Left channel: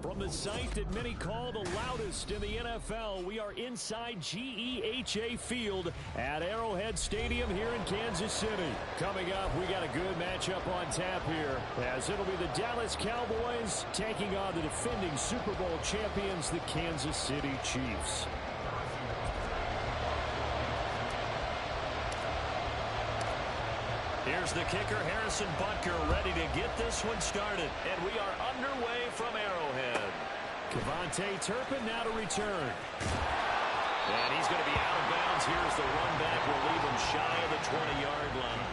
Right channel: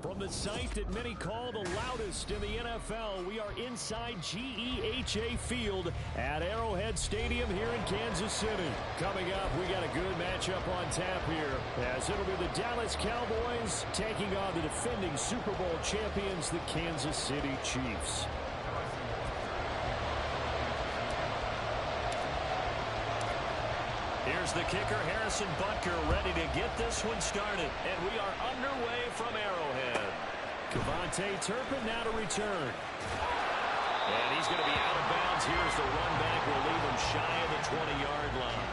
From the site that many call the loudest in the NFL, we are inside GEHA Field at Arrowhead Stadium here in Kansas City. Coming up, we got a good matchup on tap here, as it'll be the Dallas Cowboys taking on the defending Super Bowl champions, the Kansas City Chiefs. Here's the kicker, Harrison Butker, ready to get this one started. And we are underway from Arrowhead. Kevontae Turpin now to return. And he's going to be out of bounds. Here's the run back. We'll leave him shy of the 20-yard line.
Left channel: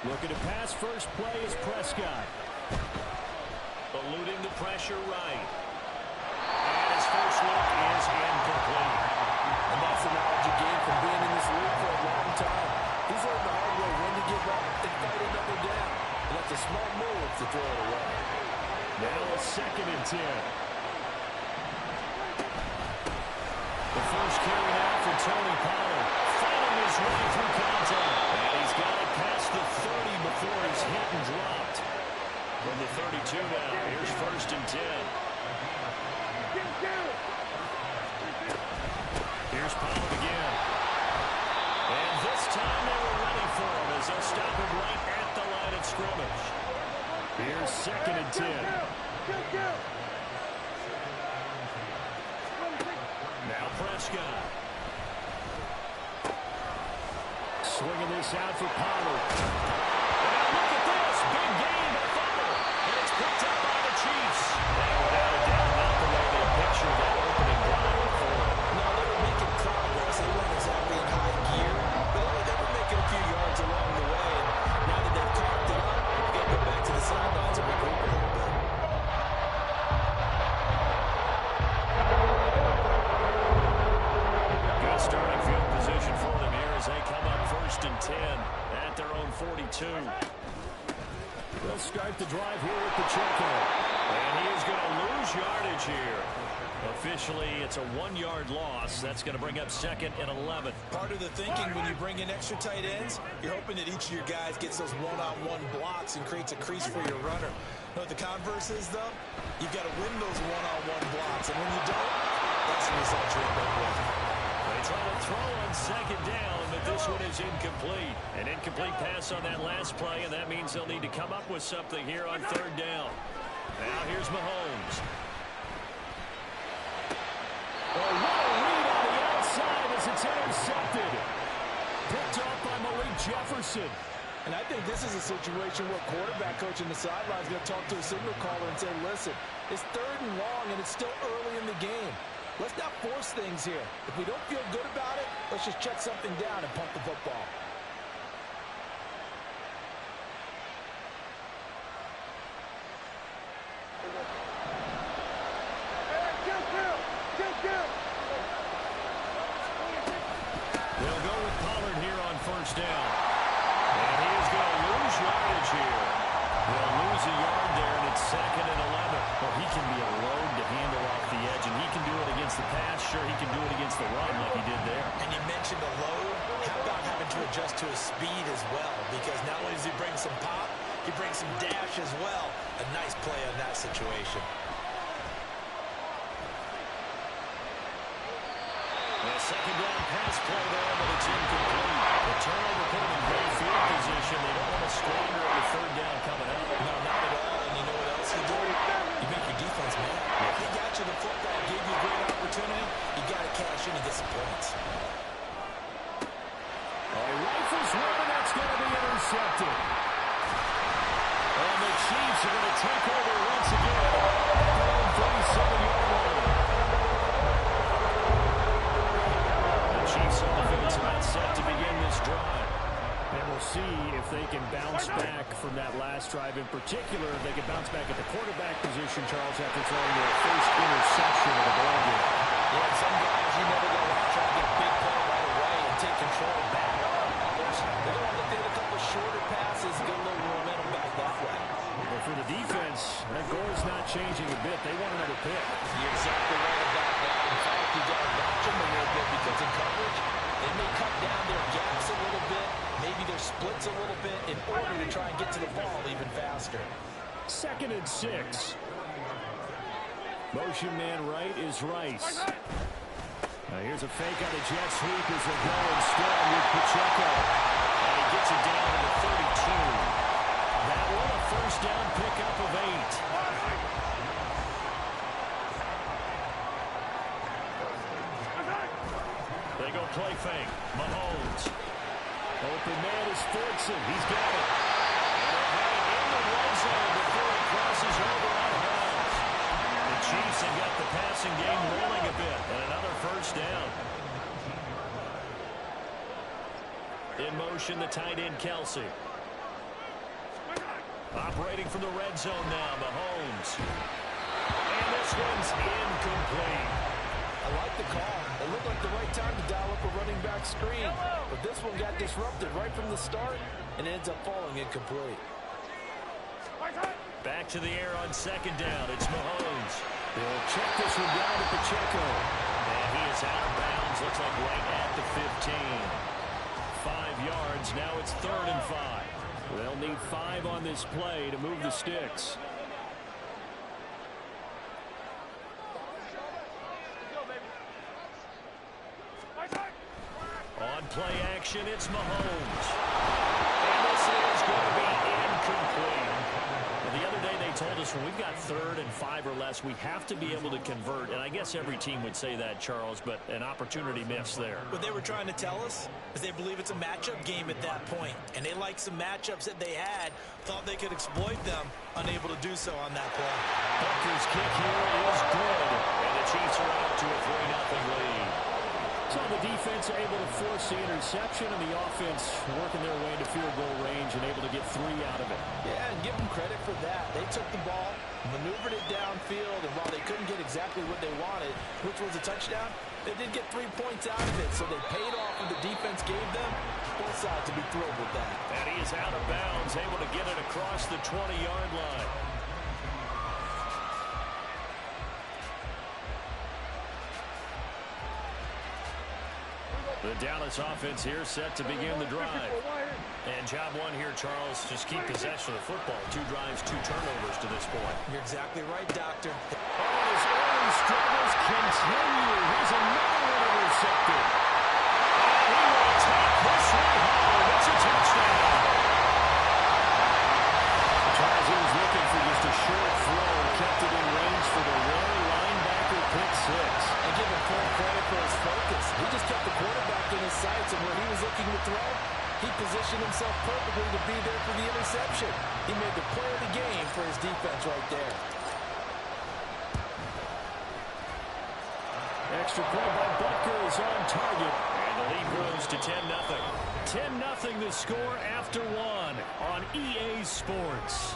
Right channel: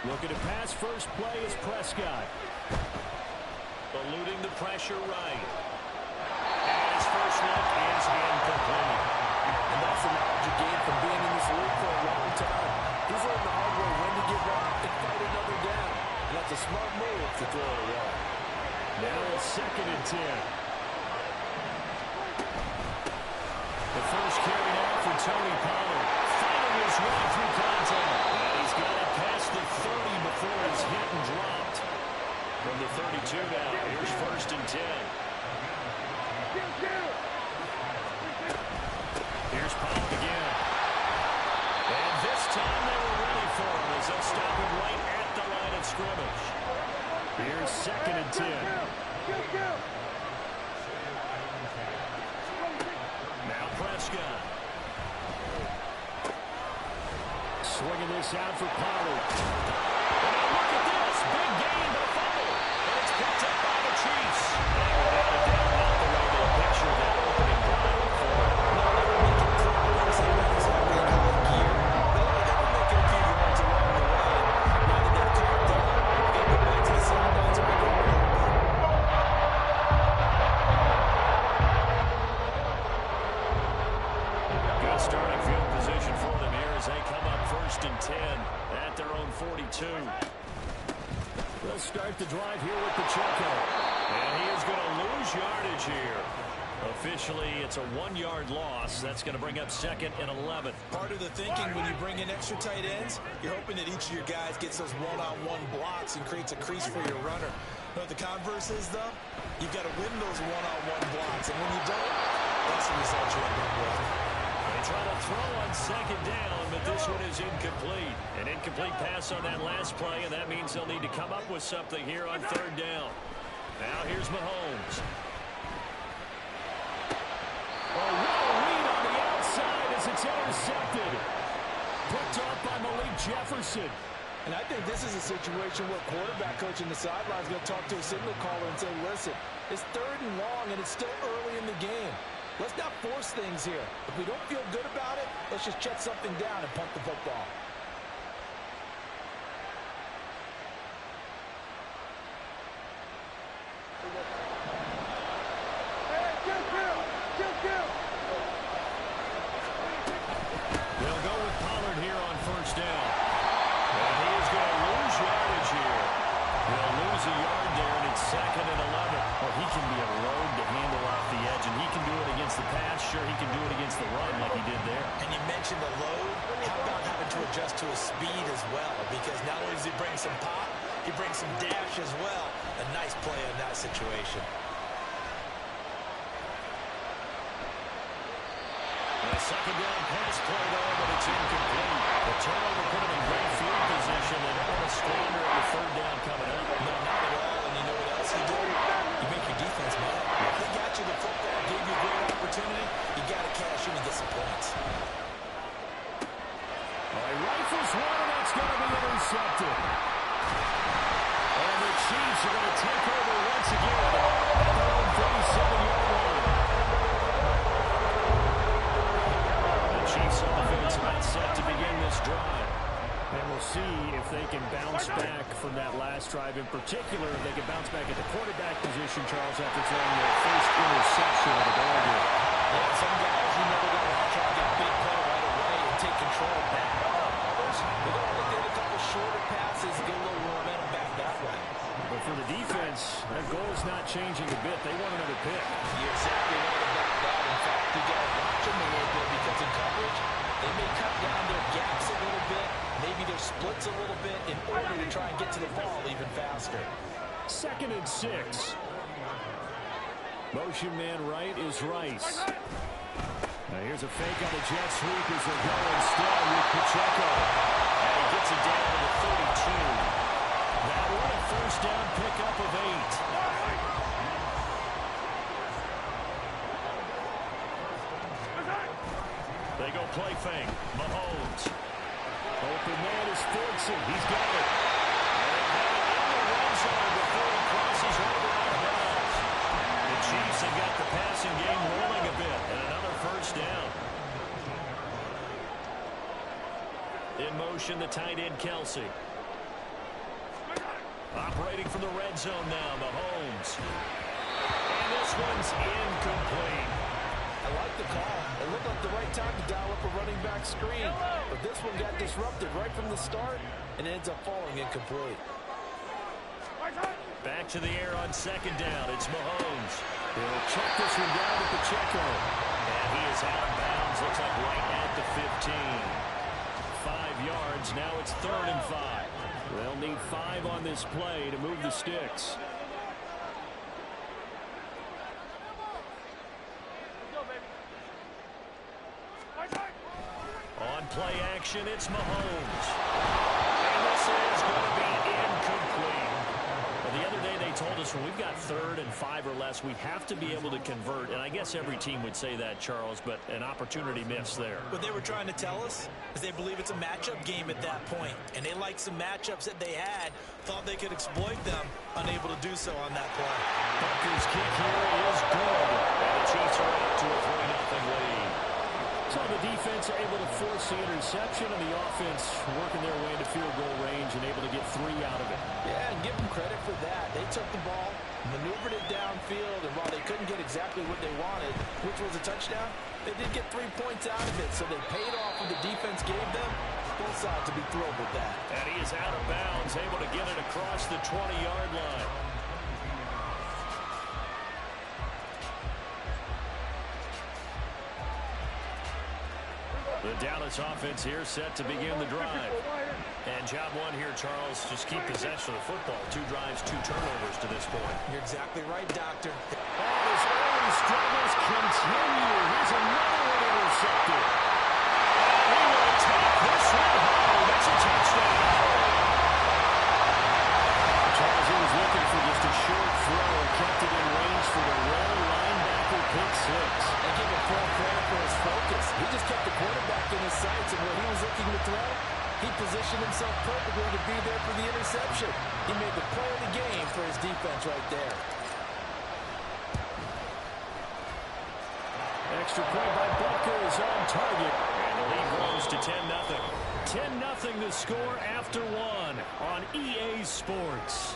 Looking to pass, first play is Prescott. Eluding the pressure right. And his first look is incomplete. And that's the knowledge you gain from being in this league for a long time. He's learned the hard way when to give up and fight another down. And that's a smart move to throw it away. Now a 2nd and 10. The first carry now for Tony Pollard. Fighting his way through contact. And he's got it past the 30 before he's hit and dropped. From the 32 now, here's 1st and 10. Here's Pollard again. And this time they were ready for him as they'll stop him right at the line of scrimmage. Here's 2nd and 10. Now Prescott. Swinging this out for Pollard. And now look at this. Big gain, but a fumble. And it's picked up by the Chiefs. And without a doubt, not the way they pictured that opening drive before. No, they were making progress. They weren't exactly in high gear. But they were making a few yards along the way. Now that they've caught up, they've got to go back to the sidelines and make a little bit. Good starting field position for them here as they come up 1st and 10 at their own 42. They'll start the drive here with Pacheco. And he is going to lose yardage here. Officially, it's a 1-yard loss. That's going to bring up 2nd and 11. Part of the thinking when you bring in extra tight ends, you're hoping that each of your guys gets those one-on-one blocks and creates a crease for your runner. You know what the converse is, though? You've got to win those one-on-one blocks. And when you don't, that's the result you end up with. They try to throw on 2nd down, but this one is incomplete. An incomplete pass on that last play, and that means they'll need to come up with something here on 3rd down. Now here's Mahomes. Oh, what a read on the outside as it's intercepted. Picked off by Malik Jefferson. And I think this is a situation where quarterback coach in the sideline is going to talk to a signal caller and say, listen, it's 3rd and long, and it's still early in the game. Let's not force things here. If we don't feel good about it, let's just check something down and punt the football. They'll go with Pollard here on 1st down. And he is going to lose yardage here. They'll lose a yard there, and it's 2nd and 11. Well, he can be a load to handle off the edge, and he can do it against the pass. Sure, he can do it against the run like he did there. And you mentioned a load. How about having to adjust to his speed as well? Because not only does he bring some pop, he brings some dash as well. A nice play on that situation. A 2nd down pass play there, but it's incomplete. The turnover put him in great field position. They don't want to squander the 3rd down coming up. No, not at all. And you know what else you do? You make your defense mad. They got you the football, gave you a great opportunity. You got to cash in and get some points. Oh, he rifles one, and that's going to be intercepted. And the Chiefs are going to take over once again at their own 37-yard line. Chiefs on offense about set to begin this drive. And we'll see if they can bounce back from that last drive. In particular, if they can bounce back at the quarterback position, Charles, after throwing their first interception of the ballgame. Yeah, some guys, you know they're going to want to try to get a big play right away and take control back. Other rush. They're going to look to hit a couple shorter passes and get a little momentum back that way. But for the defense, that goal's not changing a bit. They want another pick. You're exactly right about that. In fact, you got to watch them a little bit because in coverage, they may cut down their gaps a little bit, maybe their splits a little bit in order to try and get to the ball even faster. 2nd and 6. Motion man right is Rice. Now here's a fake on the jet sweep as they go instead with Pacheco. And he gets it down to the 32. That one a first down pickup of 8. They go play fake. Mahomes. Open man is Fortson. He's got it. And they have it in the red zone before he crosses over out of bounds. The Chiefs have got the passing game rolling a bit. And another first down. In motion, the tight end, Kelsey. Operating from the red zone now, Mahomes. And this one's incomplete. I like the call. It looked like the right time to dial up a running back screen. But this one got disrupted right from the start and ends up falling incomplete. Back to the air on 2nd down. It's Mahomes. He'll check this one down to Pacheco. And he is out of bounds. Looks like right at the 15. 5 yards. Now it's 3rd and 5. They'll need 5 on this play to move the sticks. On play action, it's Mahomes. And this is going to be incomplete. Well, the other day they told us when we've got 3rd and 5 or less, we have to be able to convert. And I guess every team would say that, Charles, but an opportunity missed there. What they were trying to tell us is they believe it's a matchup game at that point. And they liked some matchups that they had, thought they could exploit them, unable to do so on that play. Butker's kick here is good. And the Chiefs are out to a 3-0 lead. So the defense able to force the interception, and the offense working their way into field goal range and able to get 3 out of it. Yeah, and give them credit for that. They took the ball, maneuvered it downfield, and while they couldn't get exactly what they wanted, which was a touchdown, they did get 3 points out of it, so they paid off what the defense gave them. Both sides to be thrilled with that. And he is out of bounds, able to get it across the 20-yard line. The Dallas offense here set to begin the drive. And job one here, Charles, just keep possession of the football. 2 drives, 2 turnovers to this point. You're exactly right, Doctor. Oh, his early struggles continue. Here's another one intercepted. And he will take this one home. It's a touchdown. Charles, he was looking for just a short throw, kept it in range for the rare linebacker pick 6. And give him full credit for his focus. He just kept the quarterback in his sights, and when he was looking to throw, he positioned himself perfectly to be there for the interception. He made the play of the game for his defense right there. Extra point by Butker is on target, and the lead grows to 10-0. 10-0 the score after 1 on EA Sports.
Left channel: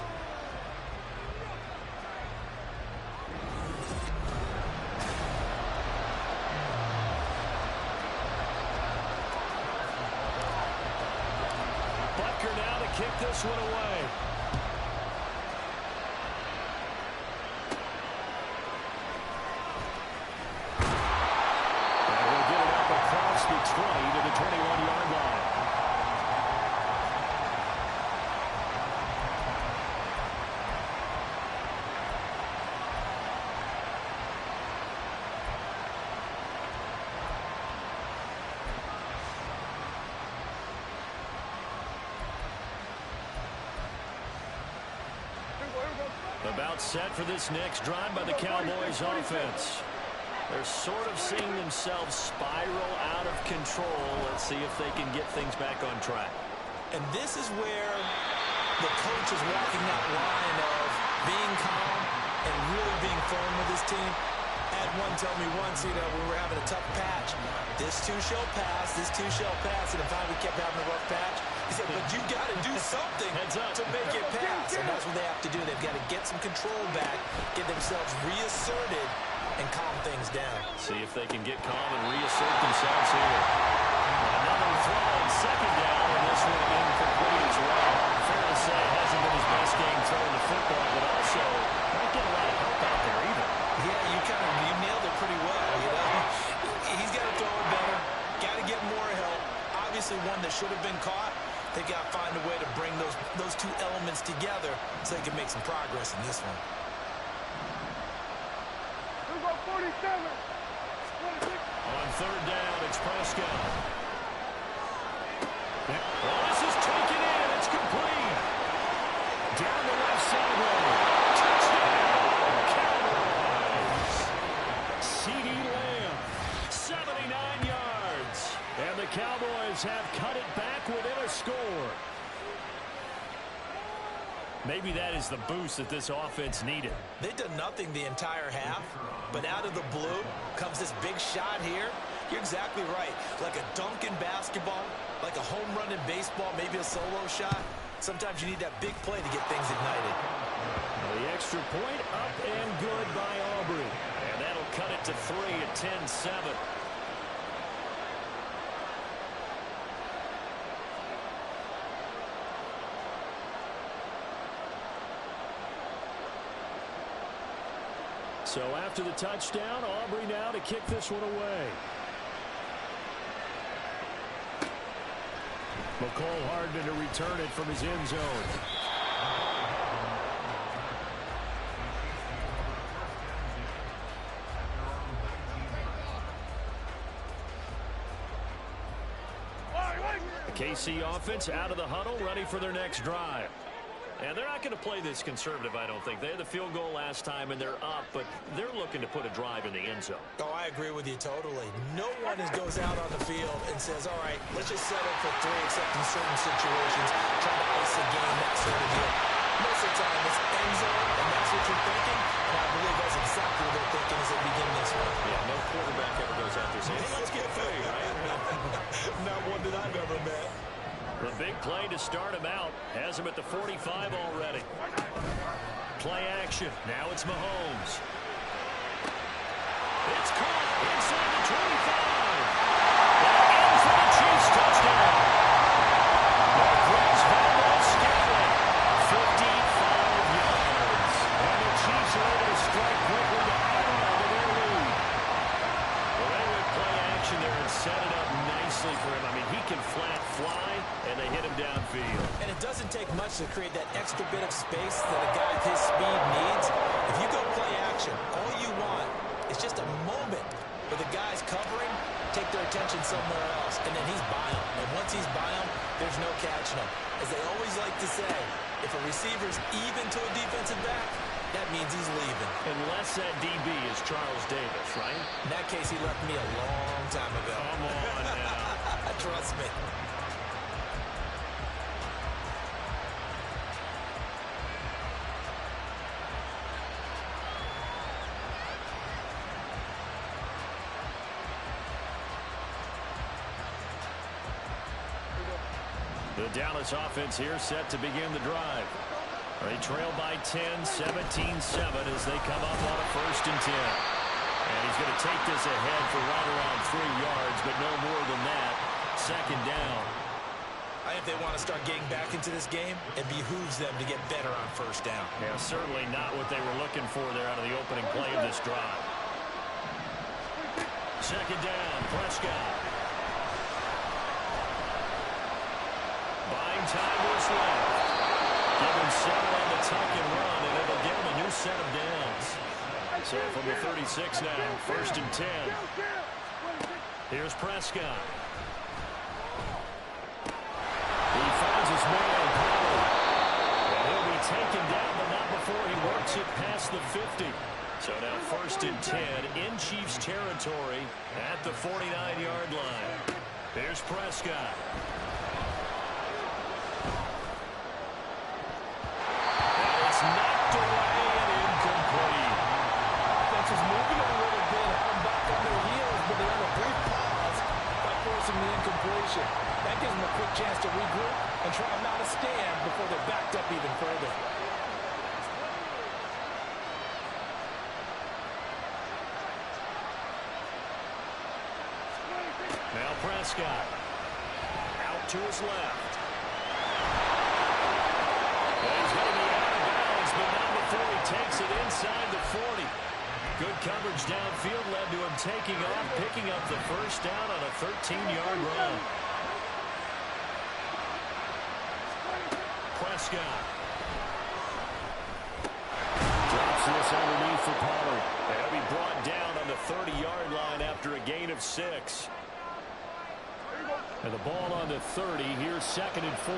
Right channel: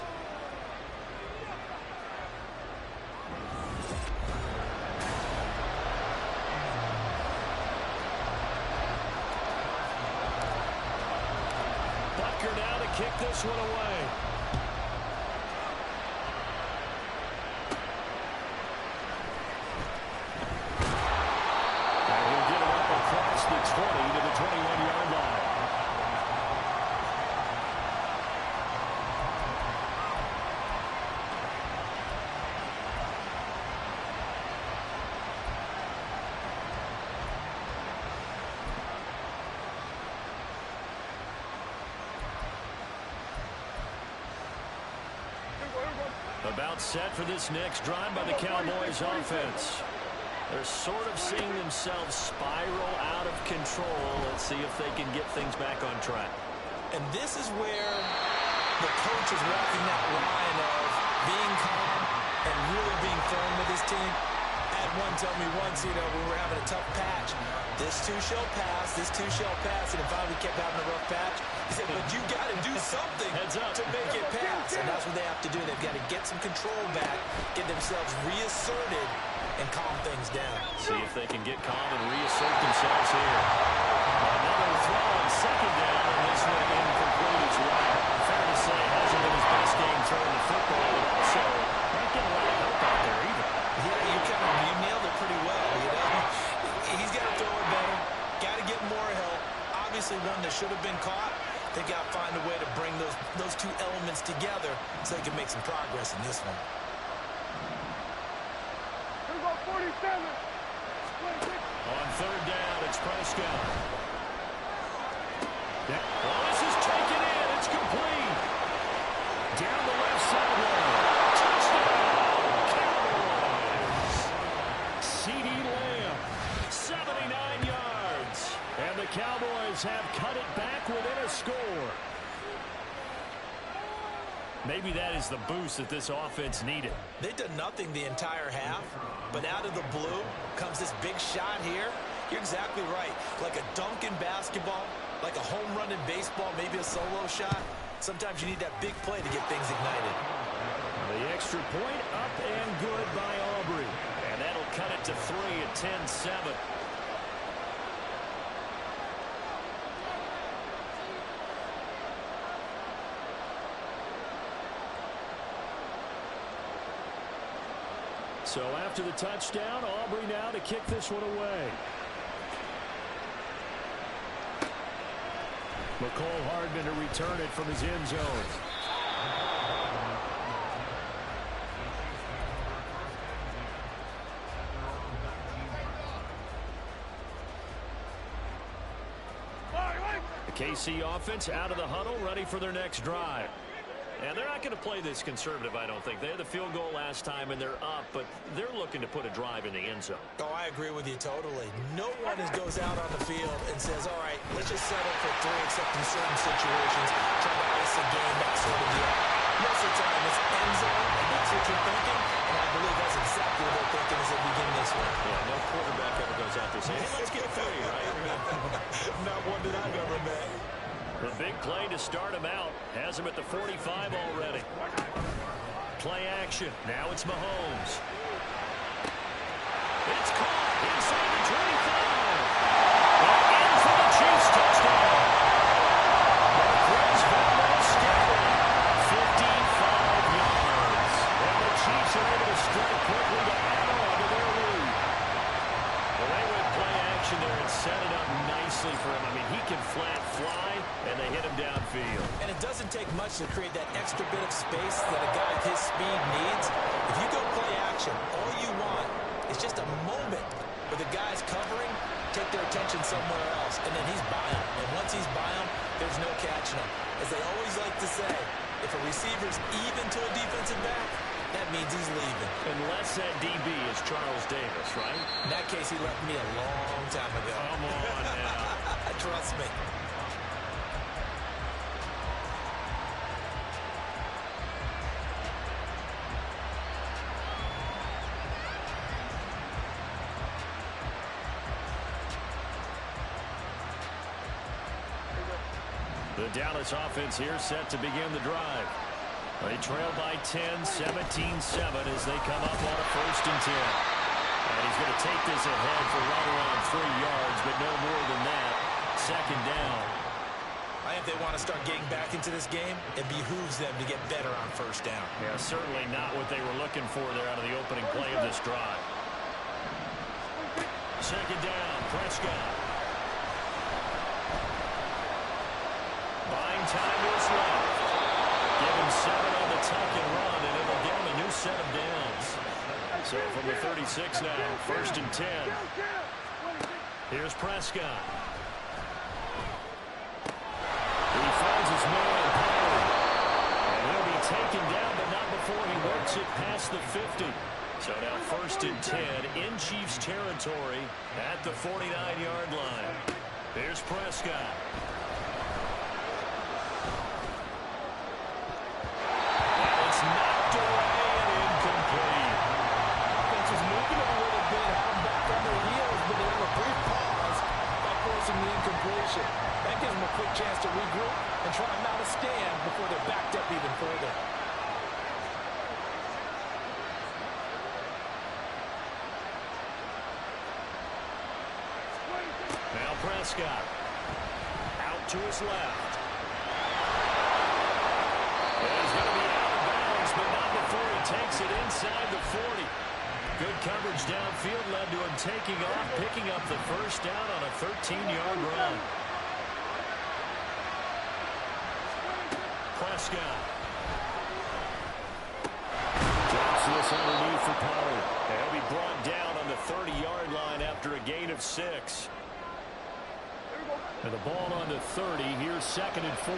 Butker now to kick this one away. And he'll get it up across the 20 to the 21-yard line. About set for this next drive by the Cowboys offense. They're sort of seeing themselves spiral out of control. Let's see if they can get things back on track. And this is where the coach is walking that line of being calm and really being firm with his team. I had one tell me once, we were having a tough patch. This too shall pass, this too shall pass. And then finally we kept having a rough patch. He said, but you got to do something to make it pass. And that's what they have to do. They've got to get some control back, get themselves reasserted, and calm things down. See if they can get calm and reassert themselves here. Another throw on second down, and this one incomplete as well. Fair to say, hasn't been his best game throwing the football, but also not getting a lot of help out there either. Yeah, you nailed it pretty well, you know. He's got to throw it better, got to get more help. Obviously one that should have been caught. They got to find a way to bring those two elements together so they can make some progress in this one. Here we go, 47. 26. On third down, it's Prescott. Well, this is taken in. It's complete. Down the left sideline. Touchdown, Cowboys. CeeDee Lamb, 79 yards. And the Cowboys have cut it back within a score. Maybe that is the boost that this offense needed. They've done nothing the entire half, but out of the blue comes this big shot here. You're exactly right. Like a dunk in basketball, like a home run in baseball, maybe a solo shot. Sometimes you need that big play to get things ignited. The extra point up and good by Aubrey. And that'll cut it to 3 at 10-7. So after the touchdown, Aubrey now to kick this one away. McCole Hardman to return it from his end zone. The KC offense out of the huddle, ready for their next drive. And they're not going to play this conservative, I don't think. They had the field goal last time, and they're up, but they're looking to put a drive in the end zone. Oh, I agree with you totally. No one goes out on the field and says, all right, let's just settle for 3, except in certain situations, trying to ice a game, that sort of deal. Most of the time, it's end zone, and that's what you're thinking, and I believe that's exactly what they're thinking as they begin this one. Yeah, no quarterback ever goes out there saying, hey, let's get 3, right? Not one that I've ever met. The big play to start him out. Has him at the 45 already. Play action. Now it's Mahomes. It's caught inside the 25. And in for the Chiefs touchdown. Marquez Valdez-Scantling, 55 yards. And the Chiefs are able to strike quickly to add on to their lead. Well, they went play action there and set it up nicely for him. I mean, he can flat fly, and they hit him downfield. And it doesn't take much to create that extra bit of space that a guy with his speed needs. If you go play action, all you want is just a moment where the guy's covering, take their attention somewhere else, and then he's by him. And once he's by him, there's no catching him. As they always like to say, if a receiver's even to a defensive back, that means he's leaving. Unless that DB is Charles Davis, right? In that case, he left me a long time ago. Come on now. Trust me. The Dallas offense here set to begin the drive. They trail by 10, 17-7 as they come up on a 1st and 10. And he's going to take this ahead for right around 3 yards, but no more than that. 2nd down. I think they want to start getting back into this game. It behooves them to get better on 1st down. Yeah, certainly not what they were looking for there out of the opening play of this drive. 2nd down, Prescott. Buying time was left. Give him 7 on the tuck and run, and it'll give him a new set of downs. So from the 36 now, 1st and 10. Here's Prescott. He finds his man, Pollard. And he'll be taken down, but not before he works it past the 50. So now 1st and 10 in Chiefs territory at the 49-yard line. Here's Prescott. Knocked away and incomplete. Offense was moving it a little bit, had them back on their heels, but they have a brief pause by forcing the incompletion. That gives them a quick chance to regroup and try not to stand before they're backed up even further. Now Prescott. Out to his left. And he's going to be out of bounds, but not before he takes it inside the 40. Good coverage downfield led to him taking off, picking up the first down on a 13-yard run. Prescott. Drops this underneath for Pollard. And he'll be brought down on the 30-yard line after a gain of 6. And the ball on the 30. Here's 2nd and 4.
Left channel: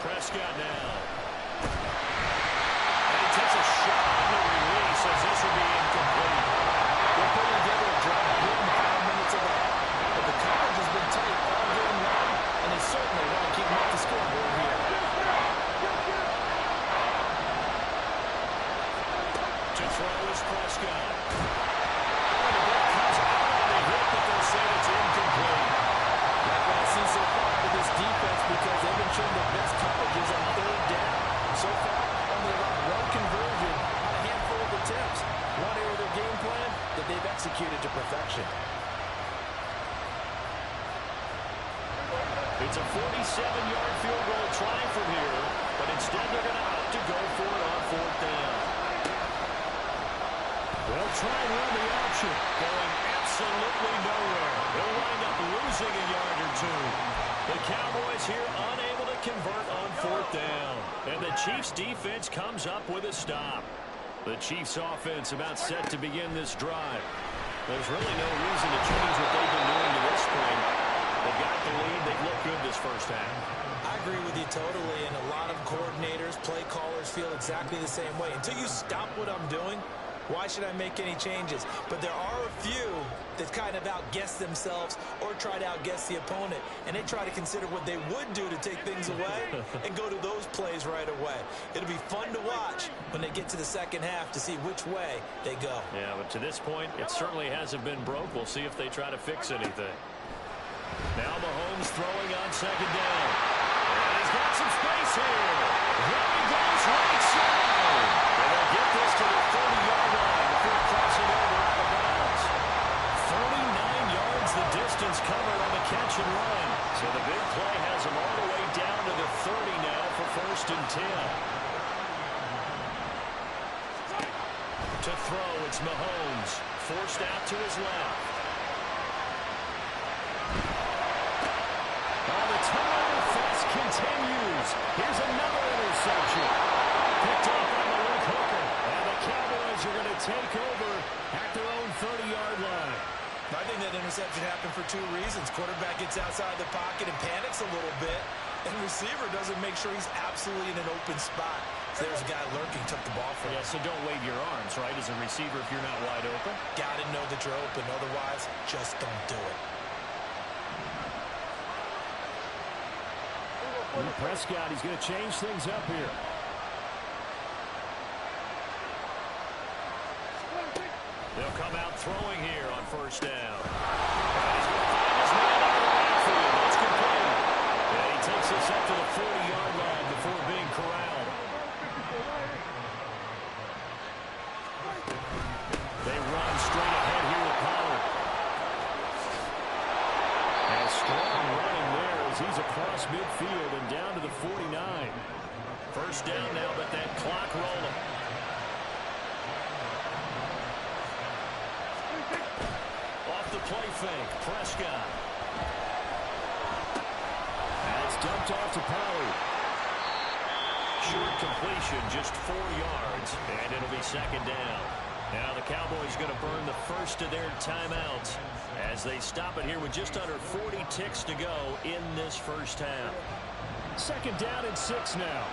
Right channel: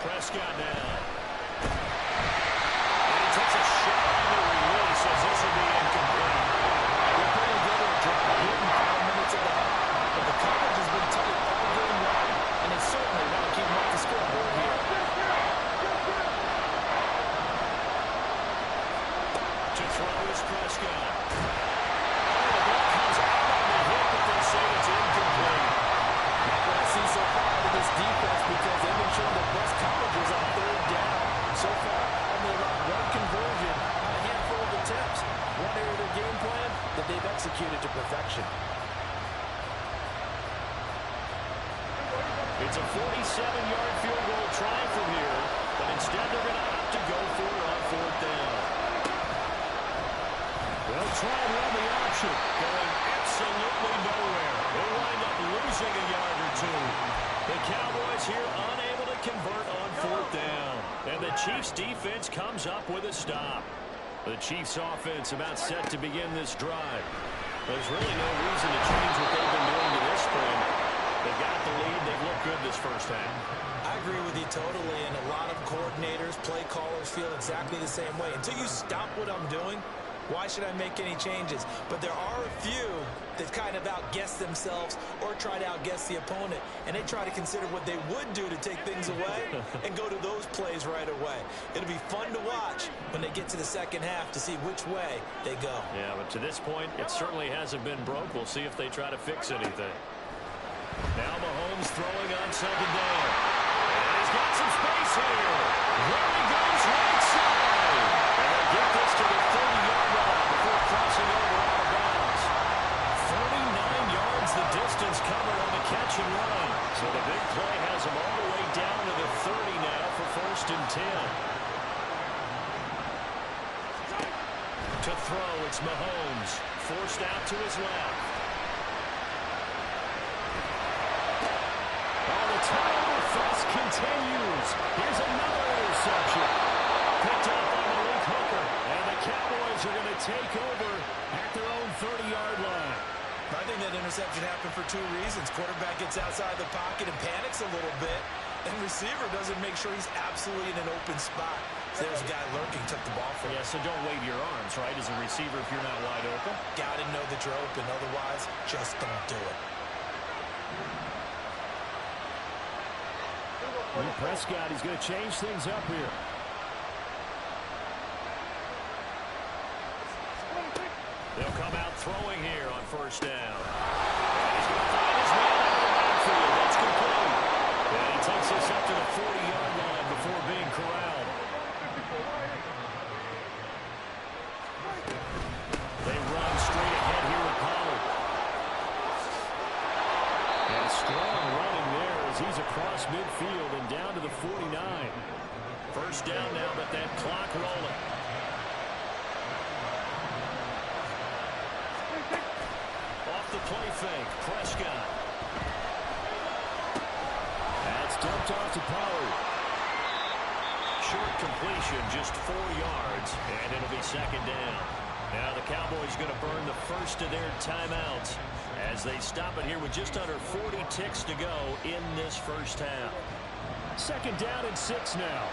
Prescott now. And he takes a shot on the release as this will be incomplete. They're putting together a drive here in the final minutes of the half, but the coverage has been tight all game long, and they certainly want to keep them off the scoreboard here. To throw is Prescott. Oh, the ball comes out on the hit, but they'll say it's incomplete. Like what I've seen so far out of this defense, because they've been showing the best coverages on 3rd down. So far, only allowed 1 conversion on a handful of attempts. One area of their game plan that they've executed to perfection. It's a 47-yard field goal try from here, but instead they're going to opt to go for it on 4th down. They'll try and run the option. Going absolutely nowhere. They'll wind up losing a yard or 2. The Cowboys here unable to convert on 4th down. And the Chiefs defense comes up with a stop. The Chiefs offense about set to begin this drive. There's really no reason to change what they've been doing to this point. They've got the lead. They've looked good this first half. I agree with you totally, and a lot of coordinators, play callers feel exactly the same way. Until you stop what I'm doing, why should I make any changes? But there are a few that kind of outguess themselves or try to outguess the opponent, and they try to consider what they would do to take things away and go to those plays right away. It'll be fun to watch when they get to the second half to see which way they go. Yeah, but to this point, it certainly hasn't been broke. We'll see if they try to fix anything. Now Mahomes throwing on 2nd down. And he's got some space here. There he goes, right side. And they'll get this to the 30-yard line before crossing over out of bounds. 39 yards the distance covered on the catch and run. So the big play has him all the way down to the 30 now for 1st and 10. To throw, it's Mahomes. Forced out to his left. Oh, the turnover fest continues. Here's another interception. Picked up by Malik Hooker. And the Cowboys are going to take over at their own 30-yard line. I think that interception happened for 2 reasons. Quarterback gets outside the pocket and panics a little bit, and receiver doesn't make sure he's absolutely in an open spot. So there's a guy lurking, took the ball from him. Yeah, so don't wave your arms, right, as a receiver if you're not wide open. Got to know that you're open. Otherwise, just don't do it. Prescott, he's going to change things up here. They'll come out throwing here on 1st down. And he's going to find his man out of the backfield. That's complete. And he takes this up to the 40-yard line before being corralled. They run straight ahead here with Pollard. And strong running there as he's across midfield and down to the 49. 1st down now, but that clock rolling. Off the play fake, Prescott. That's dumped off to Pollard. Short completion, just 4 yards, and it'll be 2nd down. Now the Cowboys going to burn the first of their timeouts as they stop it here with just under 40 ticks to go in this first half. 2nd down and 6 now.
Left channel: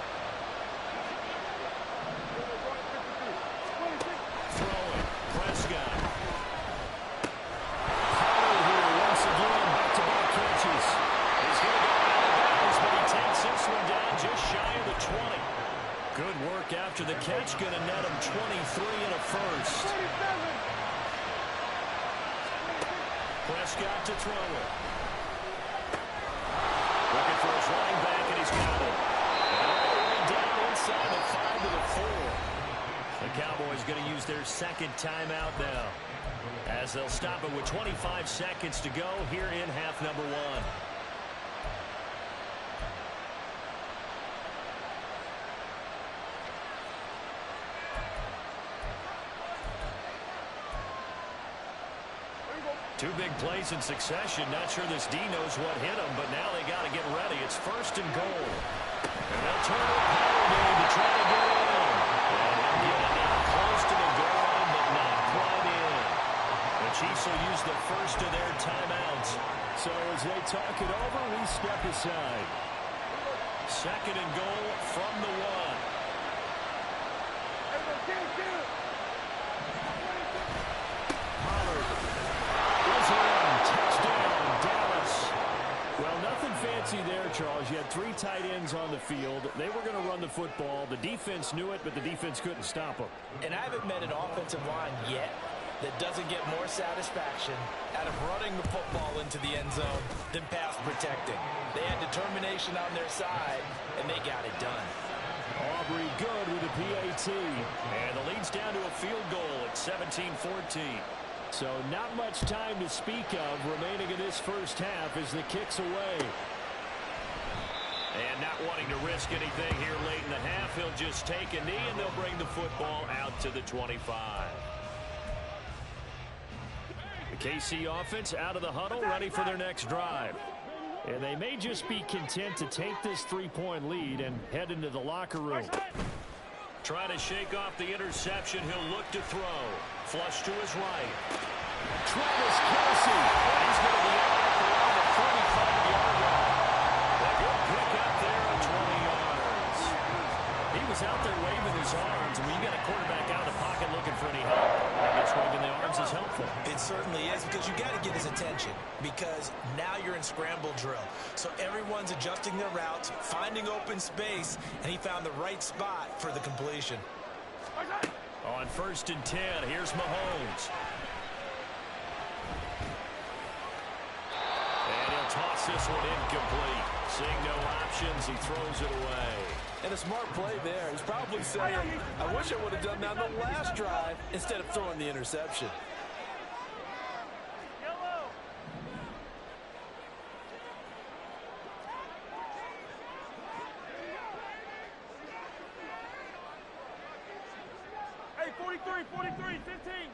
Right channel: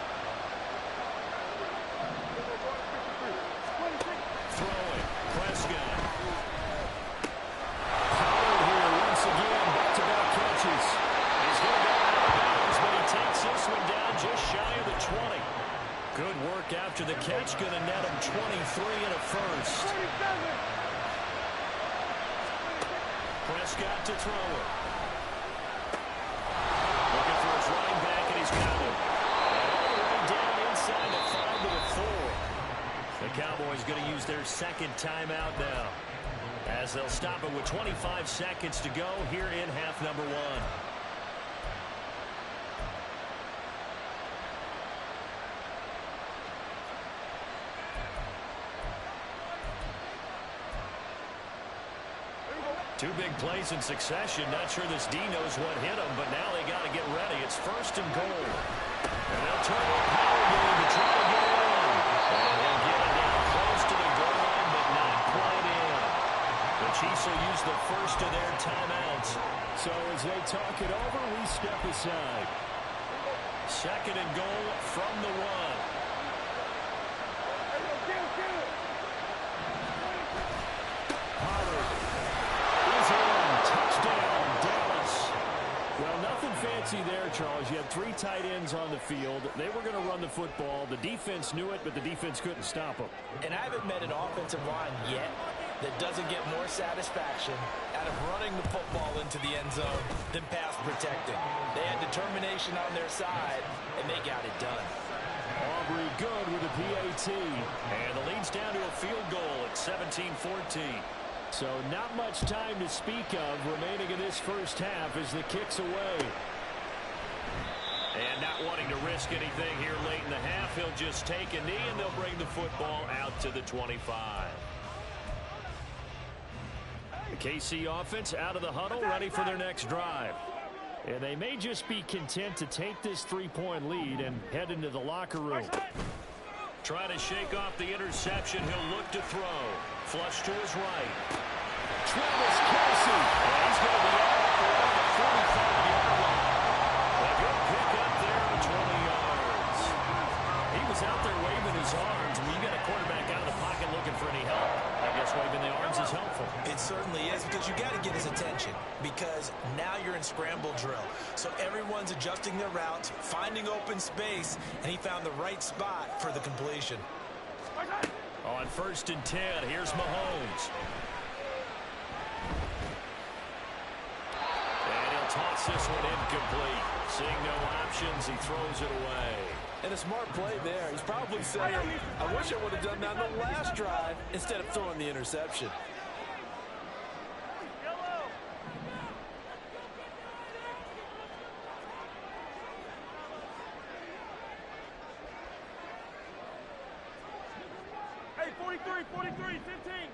Throwing, Prescott. Pollard here once again, back-to-back catches. He's going to go out of bounds, but he takes this one down just shy of the 20. Good work after the catch, going to net him 23 and a first. Prescott to throw it. Looking for his running back, and he's got it. And all the way down inside the 5 to the 4. The Cowboys going to use their second timeout now, as they'll stop it with 25 seconds to go here in half number one. Two big plays in succession. Not sure this D knows what hit him, but now they got to get ready. It's first and goal. And they'll turn to a power game to try to get in. And he'll get it down close to the goal line, but not quite in. The Chiefs will use the first of their timeouts. So as they talk it over, we step aside. Second and goal from the one. Pollard is in. Touchdown, Dallas. Well, nothing fancy there, Charles. You had three tight ends on the field. They were going to run the football. The defense knew it, but the defense couldn't stop them. And I haven't met an offensive line yet that doesn't get more satisfaction out of running the football into the end zone than pass protecting. They had determination on their side, and they got it done. Aubrey good with a PAT. And the lead's down to a field goal at 17-14. So not much time to speak of remaining in this first half as the kick's away. And not wanting to risk anything here late in the half, he'll just take a knee and they'll bring the football out to the 25. The KC offense out of the huddle, ready for their next drive. And they may just be content to take this three-point lead and head into the locker room. Try to shake off the interception. He'll look to throw. Flush to his right. Travis Kelce. And he's going to be out around the 45-yard line. A good pick up there on 20 yards. He was out there waving his arms. When you got a quarterback out of the pocket looking for any help, I guess waving the arms is helpful. It certainly is, because you got to get his attention, because now you're in scramble drill. So everyone's adjusting their routes, finding open space, and he found the right spot for the completion. On first and 10, here's Mahomes. And he'll toss this one incomplete. Seeing no options, he throws it away. And a smart play there. He's probably saying, I wish I would have done that on the last drive instead of throwing the interception. Hey, 43, 15.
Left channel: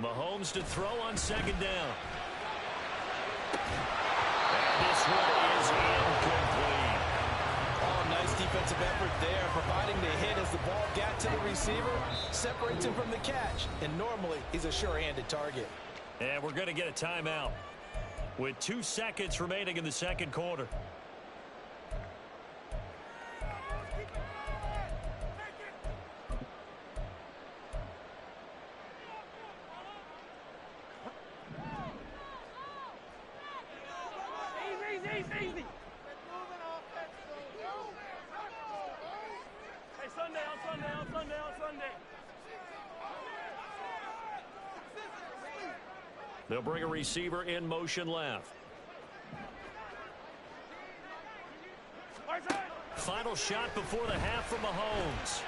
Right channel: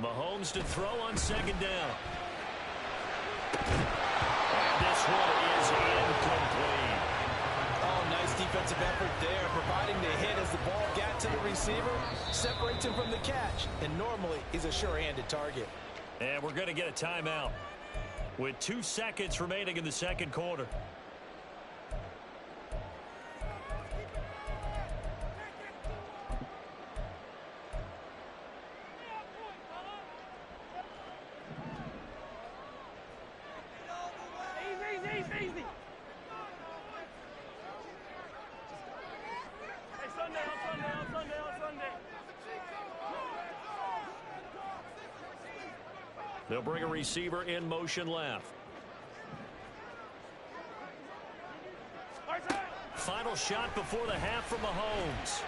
Mahomes to throw on second down. And this one is incomplete. Oh, nice defensive effort there, providing the hit as the ball got to the receiver, separates him from the catch, and normally he's a sure-handed target. And we're going to get a timeout with 2 seconds remaining in the second quarter. Easy. Hey, Sunday. They'll bring a receiver in motion left. Final shot before the half from Mahomes.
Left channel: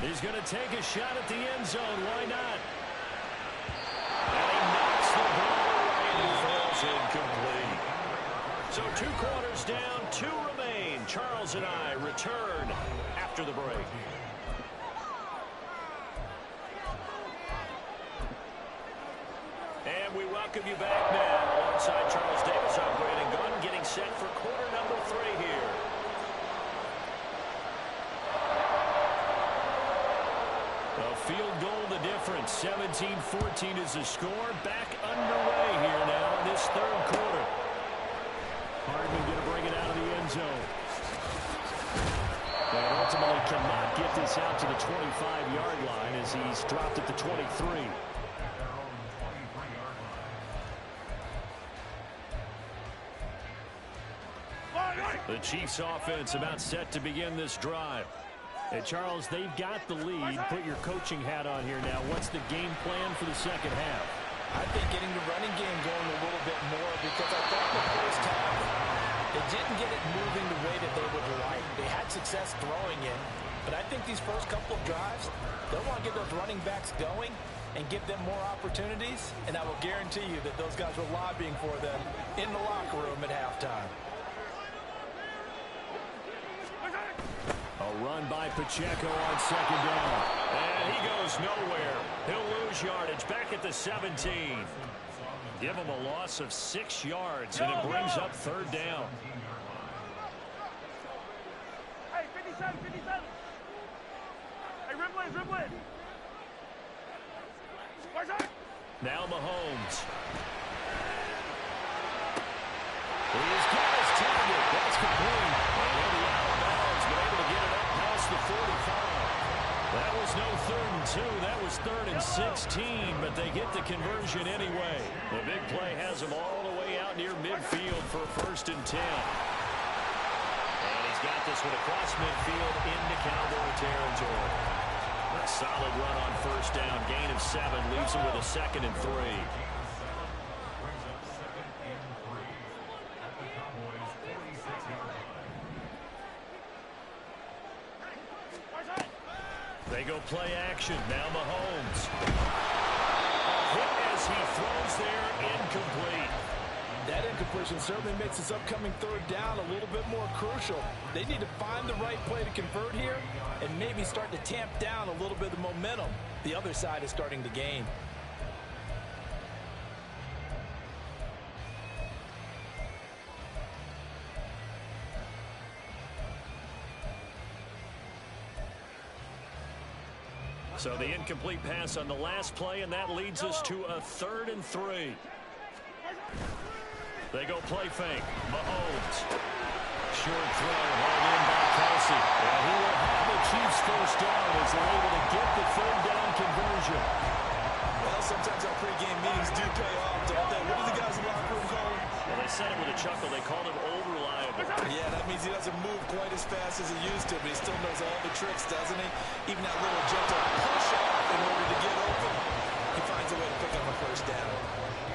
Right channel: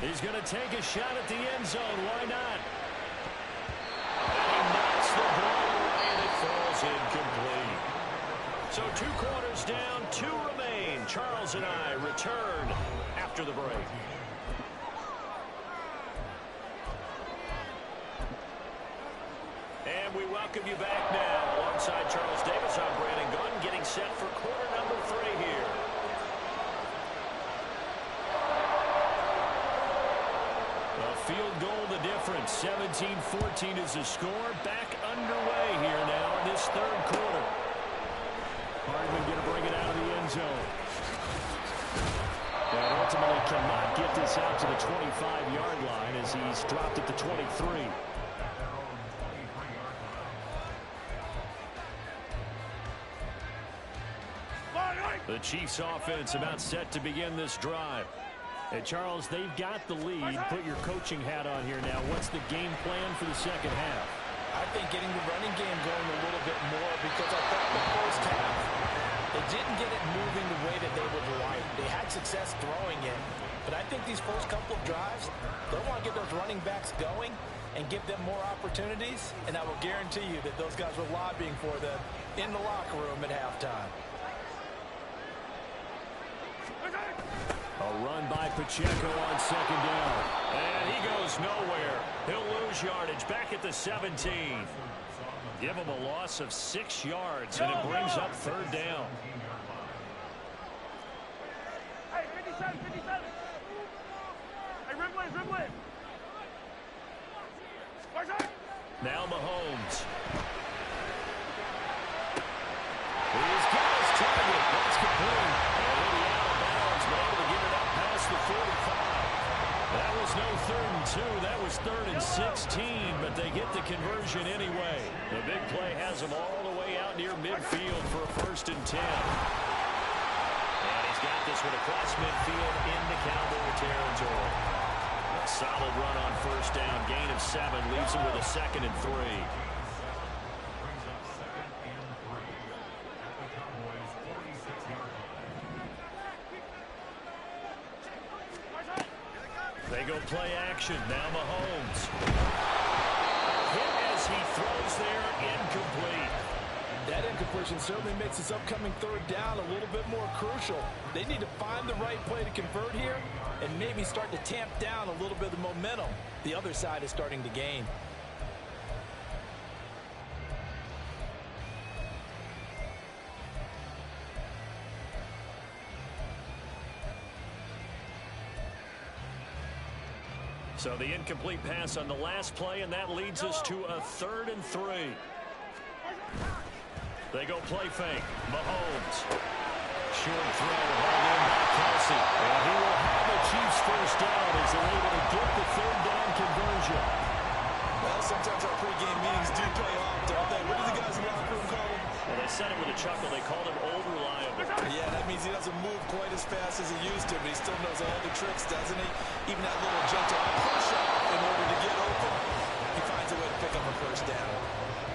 He's going to take a shot at the end zone. Why not? And he knocks the ball away, and it falls incomplete. So 2 quarters down, 2 remain. Charles and I return after the break. And we welcome you back now. Alongside Charles Davis, I'm Brandon Gunn, getting set for quarter number 3 here. A field goal the difference. 17-14 is the score. Back underway here now in this third quarter. Hardman going to bring it out of the end zone. And ultimately cannot get this out to the 25-yard line as he's dropped at the 23. The Chiefs offense about set to begin this drive. Hey, Charles, they've got the lead. Put your coaching hat on here now. What's the game plan for the second half? I think getting the running game going a little bit more, because I thought the first half They didn't get it moving the way that they would like. They had success throwing it, but I think these first couple of drives, they'll want to get those running backs going and give them more opportunities, and I will guarantee you that those guys were lobbying for them in the locker room at halftime. A run by Pacheco on second down. And he goes nowhere. He'll lose yardage back at the 17. Give him a loss of 6 yards, and it brings up third down. Hey, 57, 57. Hey, ribble it. Now Mahomes. He's got his target. That's complete. And he'll be out of bounds, but able to get it up past the 45. That was no 3rd and 2. That was 3rd and 16, but they get the conversion anyway. The big play has them all the way out near midfield for a 1st and 10. And he's got this one across midfield into Cowboy territory. A solid run on 1st down. Gain of 7 leaves him with a 2nd and 3. They go play action. Now Mahomes. A hit as he throws there, incomplete. That incompletion certainly makes this upcoming 3rd down a little bit more crucial. They need to find the right play to convert here and maybe start to tamp down a little bit of the momentum the other side is starting to gain. So the incomplete pass on the last play, and that leads us to a 3rd and 3. They go play fake. Mahomes. Short throw hauled in by Kelsey. And he will have a Chiefs 1st down as they're able to get the 3rd down conversion. Well, sometimes our pregame meetings do pay off, don't they? What do the guys in the locker room call him? Well, they said it with a chuckle. They called him old reliable. Yeah, that means he doesn't move quite as fast as he used to, but he still knows all the tricks, doesn't he? Even that little gentle push-off in order to get open. He finds a way to pick up a 1st down.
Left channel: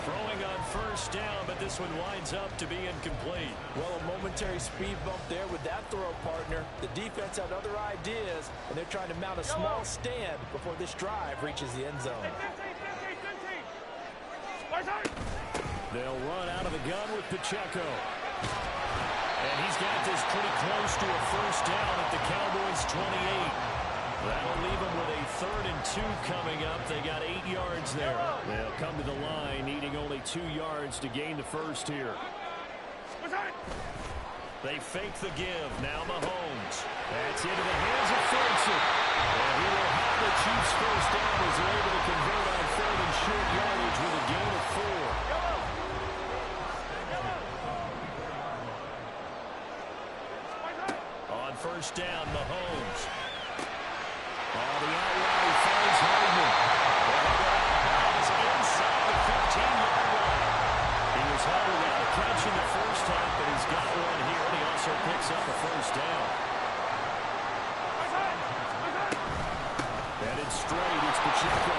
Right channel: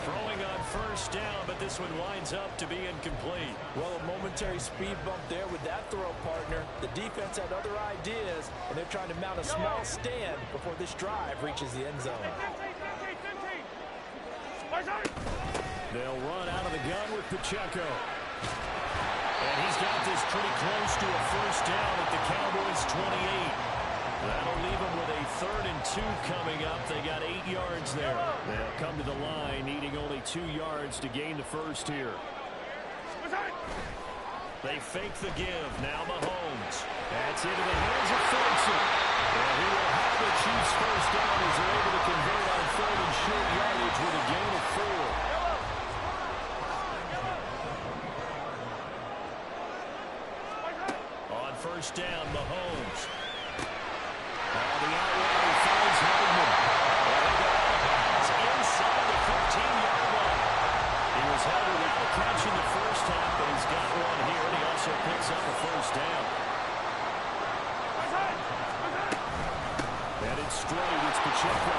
Throwing on 1st down, but this one winds up to be incomplete. Well, a momentary speed bump there with that throw, partner. The defense had other ideas, and they're trying to mount a small stand before this drive reaches the end zone. They'll run out of the gun with Pacheco. And he's got this pretty close to a 1st down at the Cowboys' 28. That'll leave them with a 3rd and 2 coming up. They got 8 yards there. They'll come to the line, needing only 2 yards to gain the 1st here. They fake the give. Now Mahomes. That's into the hands of Ferguson. And he will have the Chiefs 1st down as they're able to convert on 3rd and short yardage with a gain of 4. On 1st down, Mahomes. Oh, the out route, he finds Hardman. Well, he'll go out of bounds inside the 15-yard line. He was held without a catch in the 1st half, but he's got one here, and he also picks up a 1st down. Headed straight, it's Pacheco.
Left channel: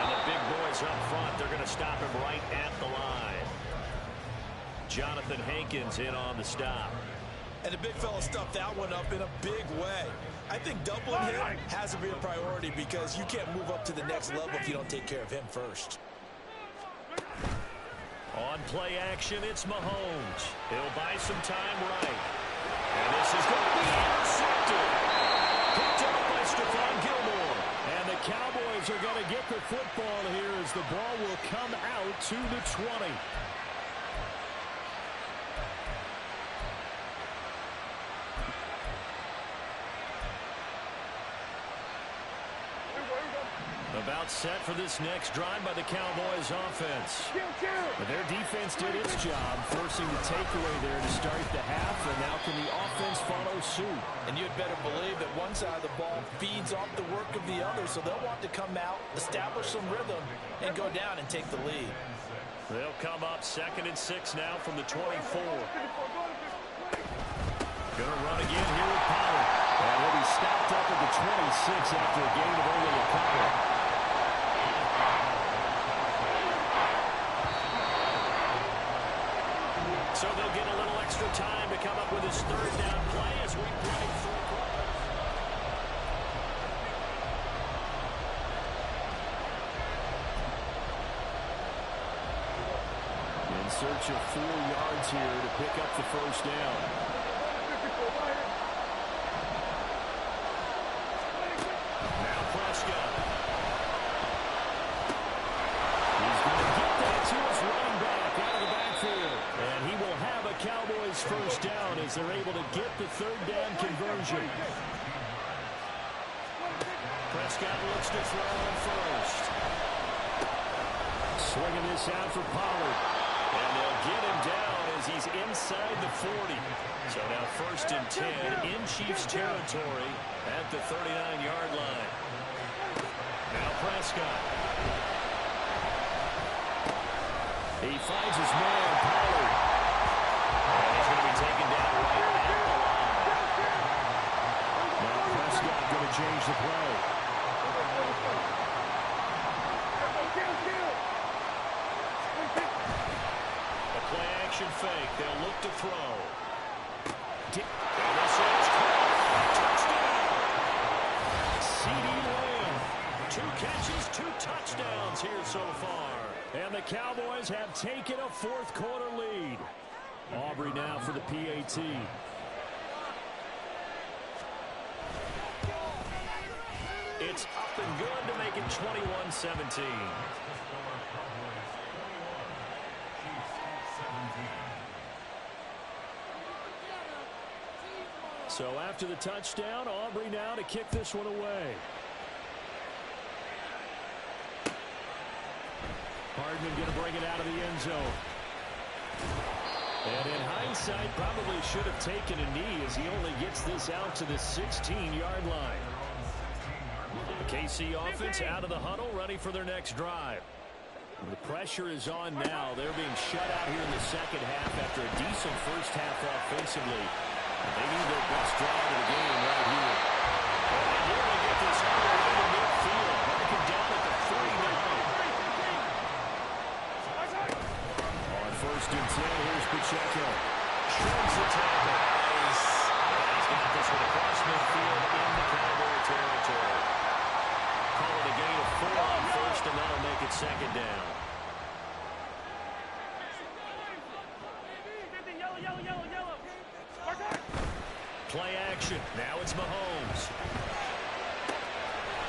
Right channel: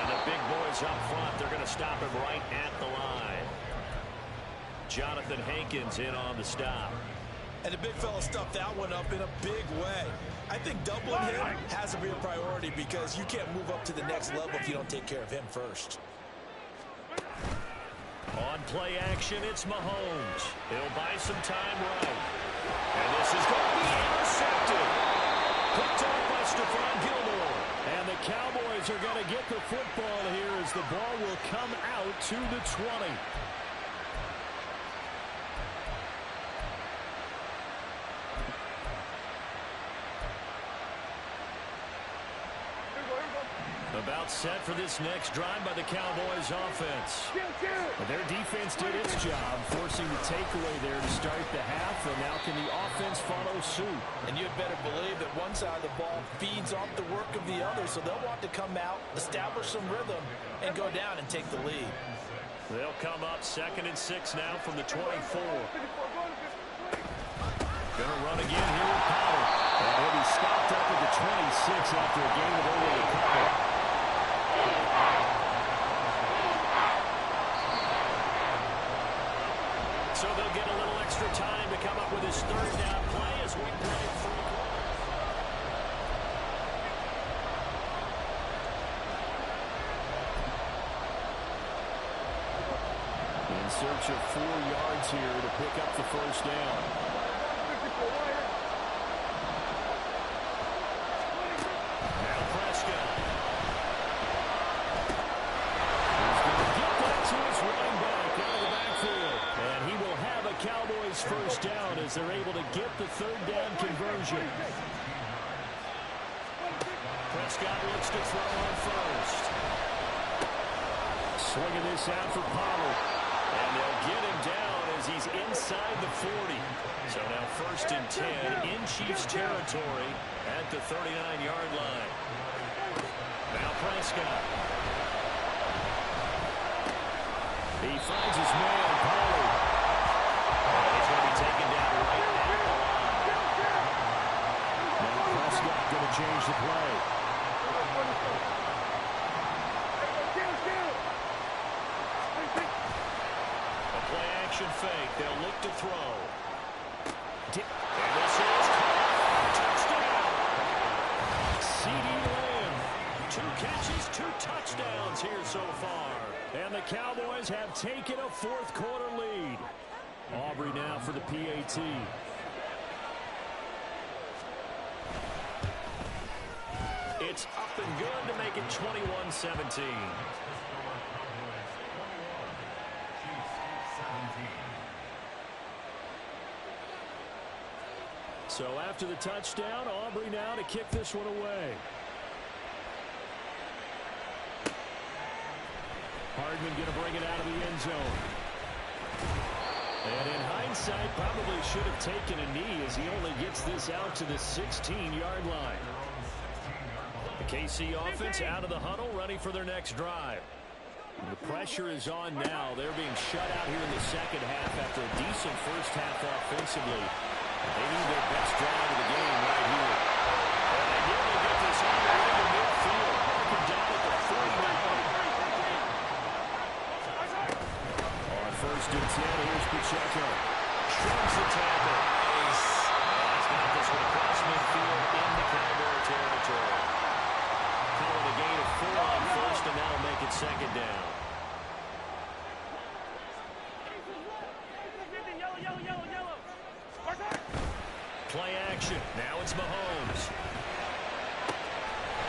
And the big boys up front, they're going to stop him right at the line. Jonathan Hankins in on the stop. And the big fella stuffed that one up in a big way. I think doubling him has to be a priority because you can't move up to the next level if you don't take care of him first. On play action, it's Mahomes. He'll buy some time right. And this is going to be intercepted. Picked off by Stephon Gilmore. And the Cowboys are going to get the football here as the ball will come out to the 20. About set for this next drive by the Cowboys offense. But their defense did its job, forcing the takeaway there to start the half, and now can the offense follow suit? And you'd better believe that one side of the ball feeds off the work of the other, so they'll want to come out, establish some rhythm, and go down and take the lead. They'll come up 2nd and 6 now from the 24. Gonna run again here with Pollard. And he'll be stopped up at the 26 after a gain of only a couple. So they'll get a little extra time to come up with his third down play as we play 3 quarters. In search of 4 yards here to pick up the first down. Now Prescott. He's going to get that to his running back out of the backfield. And he will have a Cowboys first down as they're able to get the third down conversion. Prescott looks to throw on first. Swinging this out for Pollard. And they'll get him down as he's inside the 40. So now 1st and 10 in Chiefs territory at the 39-yard line. Now Prescott. He finds his man, Pollard. And he's going to be taken down right at the line. Now Prescott going to change the play. Play action fake. They'll look to throw. And this is caught. Touchdown. CeeDee Lamb. 2 catches, 2 touchdowns here so far. And the Cowboys have taken a 4th quarter lead. Aubrey now for the PAT. It's up and good to make it 21-17. So after the touchdown, Aubrey now to kick this one away. Hardman going to bring it out of the end zone. And in hindsight, probably should have taken a knee as he only gets this out to the 16-yard line. The KC offense out of the huddle, ready for their next drive. The pressure is on now. They're being shut out here in the second half after a decent first half offensively. They need their best drive of the game right here. And here they get this all the way to midfield. Marking down at the 49. On 1st and 10, here's Pacheco. Shrugs the tackle. Nice. And he's got this one across midfield into Cowboy territory. Call it a gain of 4 on 1st, and that'll make it 2nd down. Play action. Now it's Mahomes.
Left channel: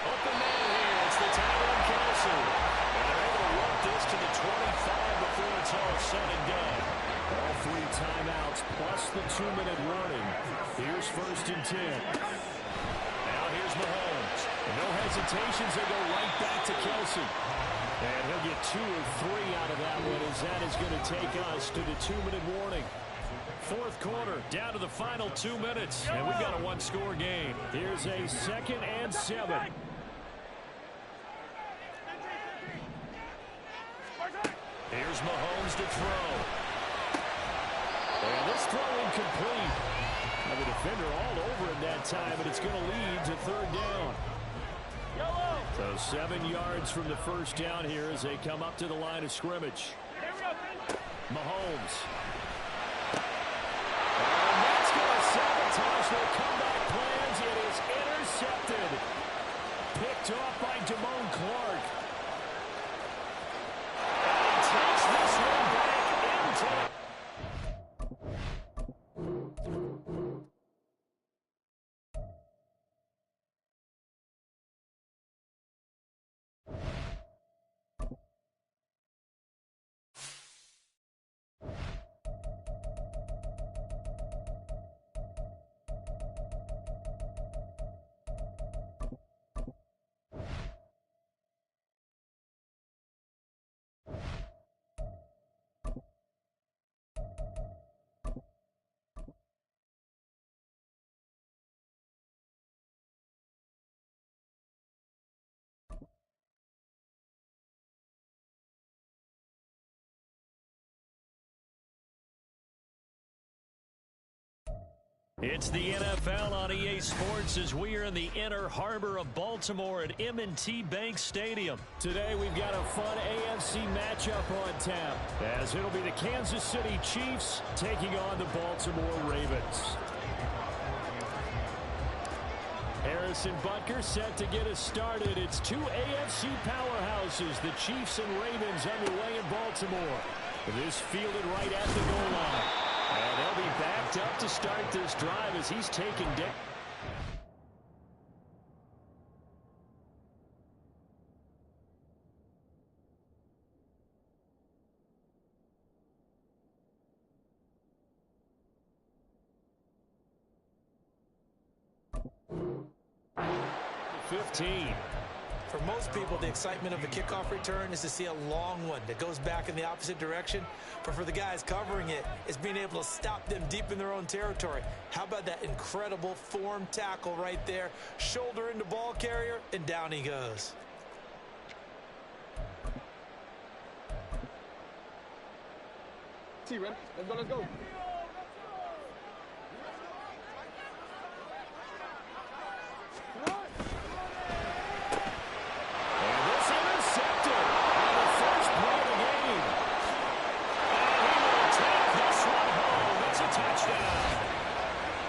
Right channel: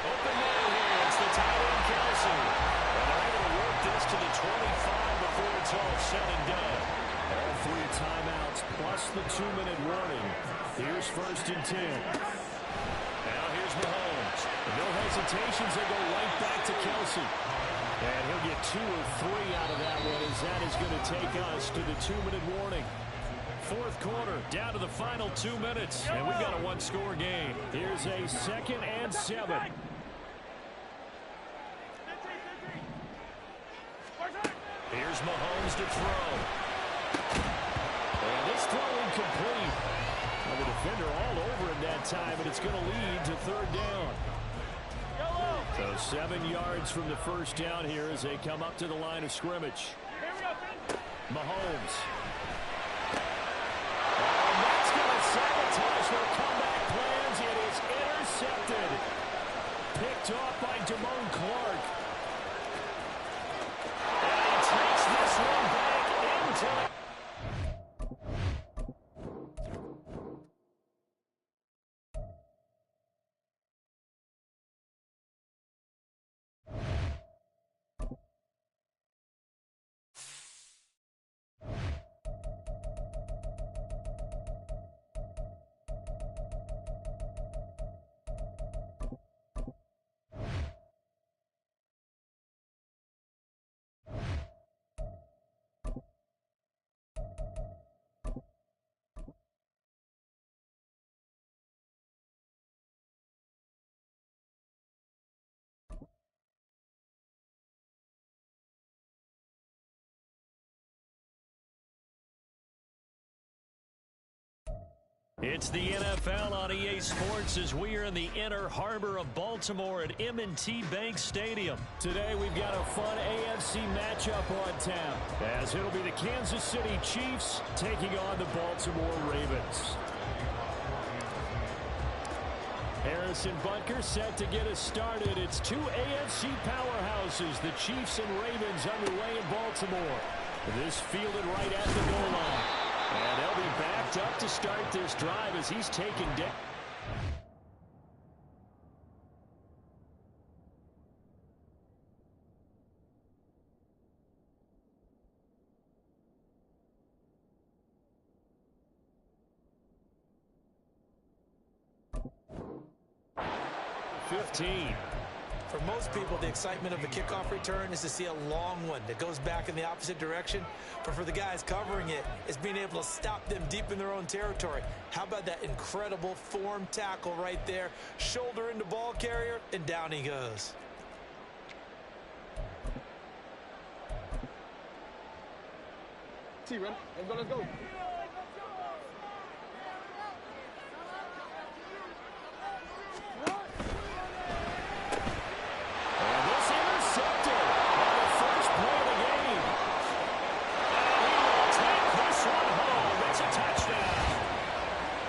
Open man here. It's the tight end, Kelsey. And they're able to work this to the 25 before it's all said and done. All 3 timeouts plus the 2-minute warning. Here's 1st and 10. Now here's Mahomes. No hesitations. They go right back to Kelsey. And he'll get 2 or 3 out of that one as that is going to take us to the 2-minute warning. 4th quarter, down to the final 2 minutes, and we've got a 1-score game. Here's a 2nd and 7. Here's Mahomes to throw. And this throw incomplete. Now the defender all over him that time, and it's going to lead to 3rd down. So 7 yards from the first down here as they come up to the line of scrimmage. Mahomes. And that's going to sabotage their comeback plans. It is intercepted. Picked off by Damone Clark. And he takes this one back into the... It's the NFL on EA Sports as we are in the inner harbor of Baltimore at M&T Bank Stadium. Today we've got a fun AFC matchup on tap as it'll be the Kansas City Chiefs taking on the Baltimore Ravens. Harrison Butker set to get us started. It's two AFC powerhouses, the Chiefs and Ravens, underway in Baltimore. This fielded right at the goal line. And they'll be backed up to start this drive as he's taken down. For most people, the excitement of a kickoff return is to see a long one that goes back in the opposite direction. But for the guys covering it, it's being able to stop them deep in their own territory. How about that incredible form tackle right there? Shoulder into ball carrier, and down he goes. See, Ren. Let's go.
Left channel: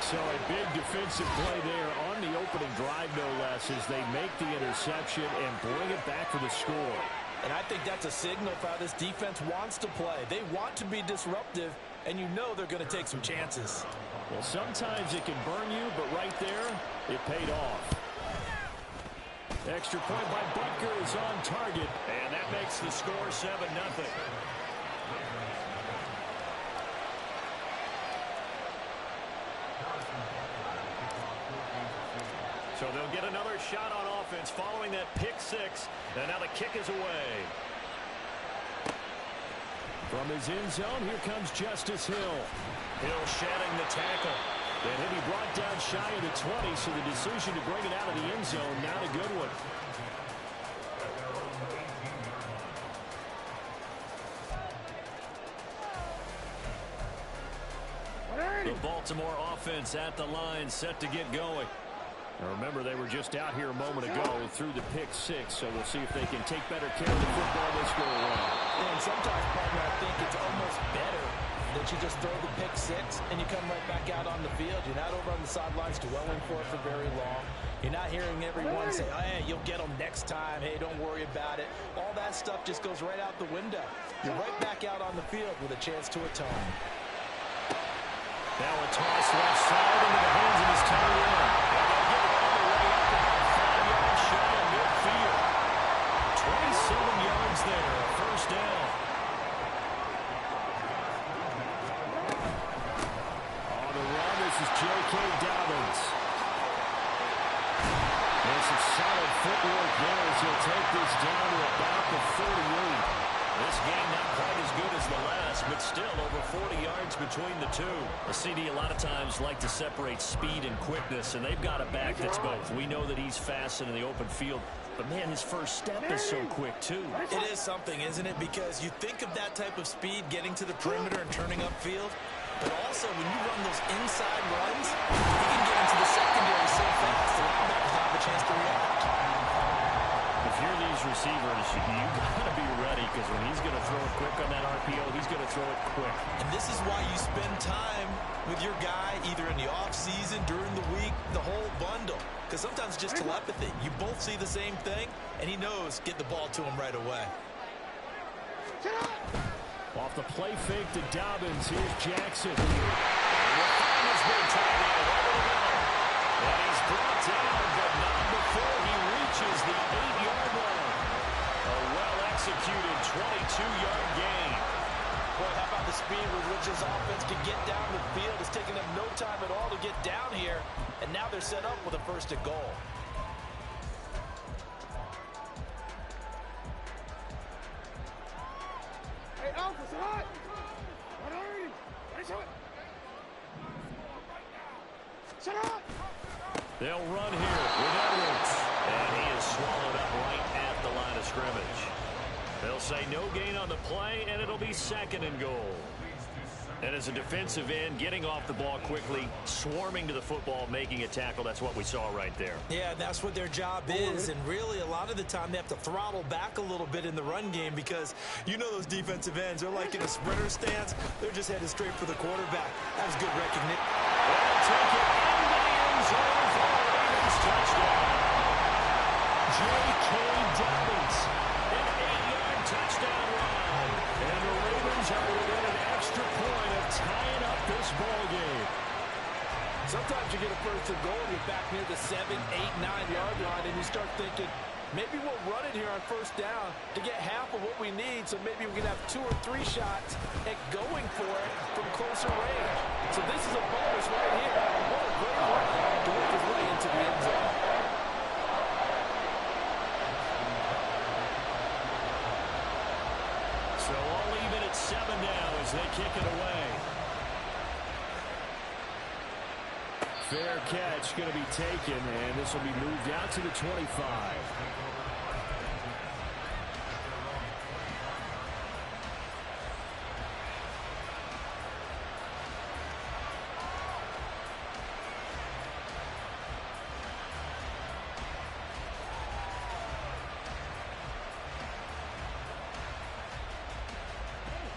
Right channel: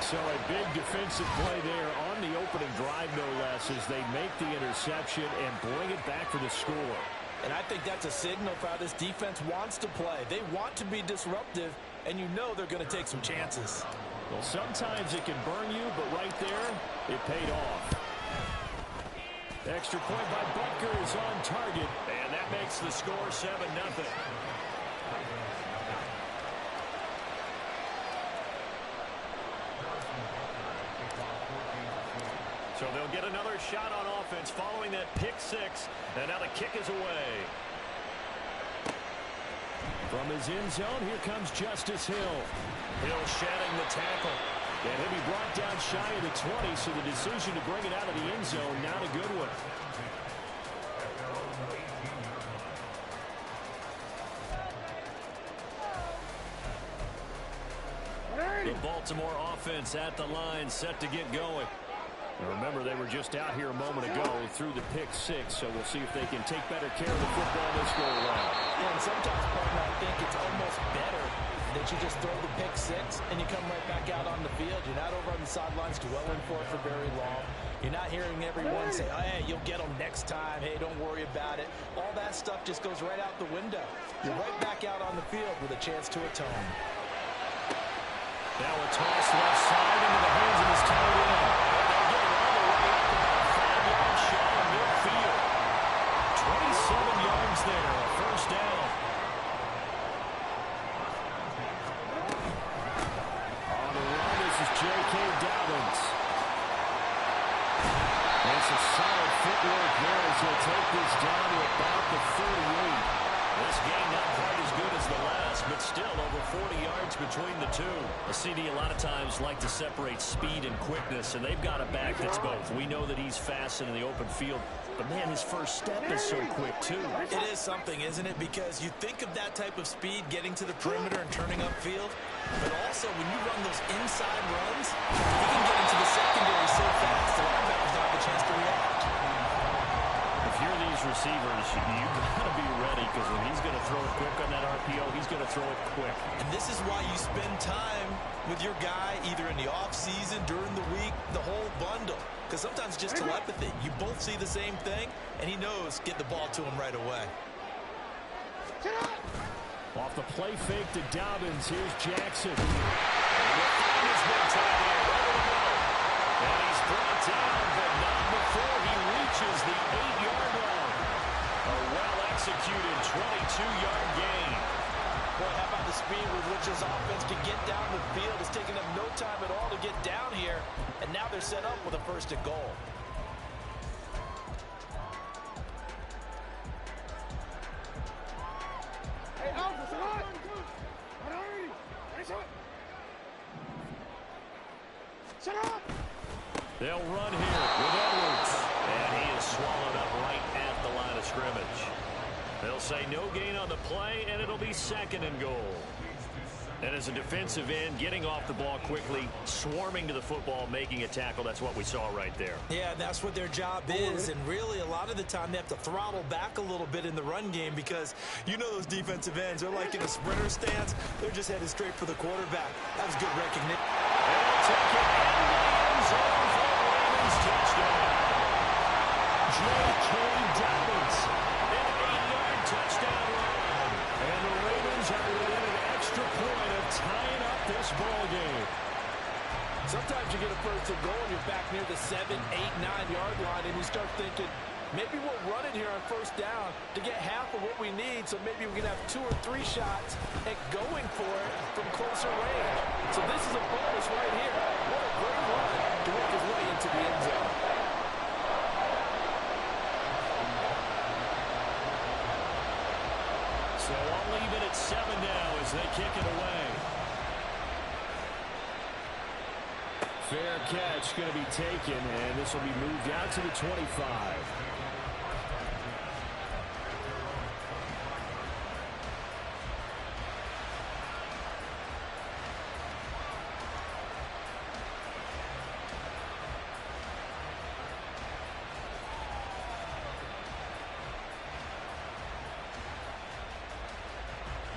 So a big defensive play there on the opening drive, no less, as they make the interception and bring it back for the score. And I think that's a signal for how this defense wants to play. They want to be disruptive, and you know they're going to take some chances. Well, sometimes it can burn you, but right there, it paid off. Extra point by Butker is on target, and that makes the score 7-0. So they'll get another shot on offense following that pick six. And now the kick is away. From his end zone, here comes Justice Hill. Hill shedding the tackle. And he'll be brought down shy of the 20, so the decision to bring it out of the end zone, not a good one. The Baltimore offense at the line, set to get going. Now remember, they were just out here a moment ago through the pick six, so we'll see if they can take better care of the football this go around. Yeah, and sometimes, partner, I think it's almost better that you just throw the pick six and you come right back out on the field. You're not over on the sidelines dwelling for it for very long. You're not hearing everyone say, oh, hey, you'll get them next time. Hey, don't worry about it. All that stuff just goes right out the window. You're right back out on the field with a chance to atone. Now a toss left side into the hands of his tight end. They'll get it all the way up about 5 yards shy of midfield. 27 yards there, a first down. On the run, this is J.K. Dobbins. And some solid footwork there as he'll take this down to about the 38. This game not quite as good as the last, but still over 40 yards between the two. A CD a lot of times like to separate speed and quickness, and they've got a back that's both. We know that he's fast in the open field, but man, his first step is so quick too. It is something, isn't it? Because you think of that type of speed getting to the perimeter and turning upfield, but also when you run those inside runs, he can get into the secondary so fast the linebackers don't have a chance to react. If you're these receivers, you got to be ready, because when he's going to throw it quick on that RPO, he's going to throw it quick. And this is why you spend time with your guy either in the offseason, during the week, the whole bundle. Because sometimes just telepathy. You both see the same thing, and he knows get the ball to him right away. Off the play fake to Dobbins, here's Jackson. And we'll find his big tight end over the middle. And he's brought down, but not before he reaches the 8-yard line. A well-executed 22-yard gain. Boy, how about the speed with which his offense can get down the field? It's taking them no time at all to get down here, and now they're set up with a first and goal. Hey, Alpha, sit up! Shut up! They'll run here with Edwards. And he is swallowed up right at the line of scrimmage. They'll say no gain on the play, and it'll be second and goal. And as a defensive end, getting off the ball quickly, swarming to the football, making a tackle, that's what we saw right there. Yeah, that's what their job is. And really, a lot of the time, they have to throttle back a little bit in the run game because you know those defensive ends, they're like in a sprinter stance. They're just headed straight for the quarterback. That was good recognition. They'll take it into the end zone for a Ravens touchdown. J.K. Dobbins, an 8-yard touchdown run. And the Ravens are within an extra point of tying up this ball game. Sometimes you get a first and goal and you're back near the 7, 8, 9-yard line, and you start thinking, maybe we'll run it here on first down to get half of what we need, so maybe we can have 2 or 3 shots at going for it from closer range. So this is a bonus right here. What a great run to work his way into the end zone. So all even at 7 now as they kick it away. Fair catch going to be taken, and this will be moved out to the 25.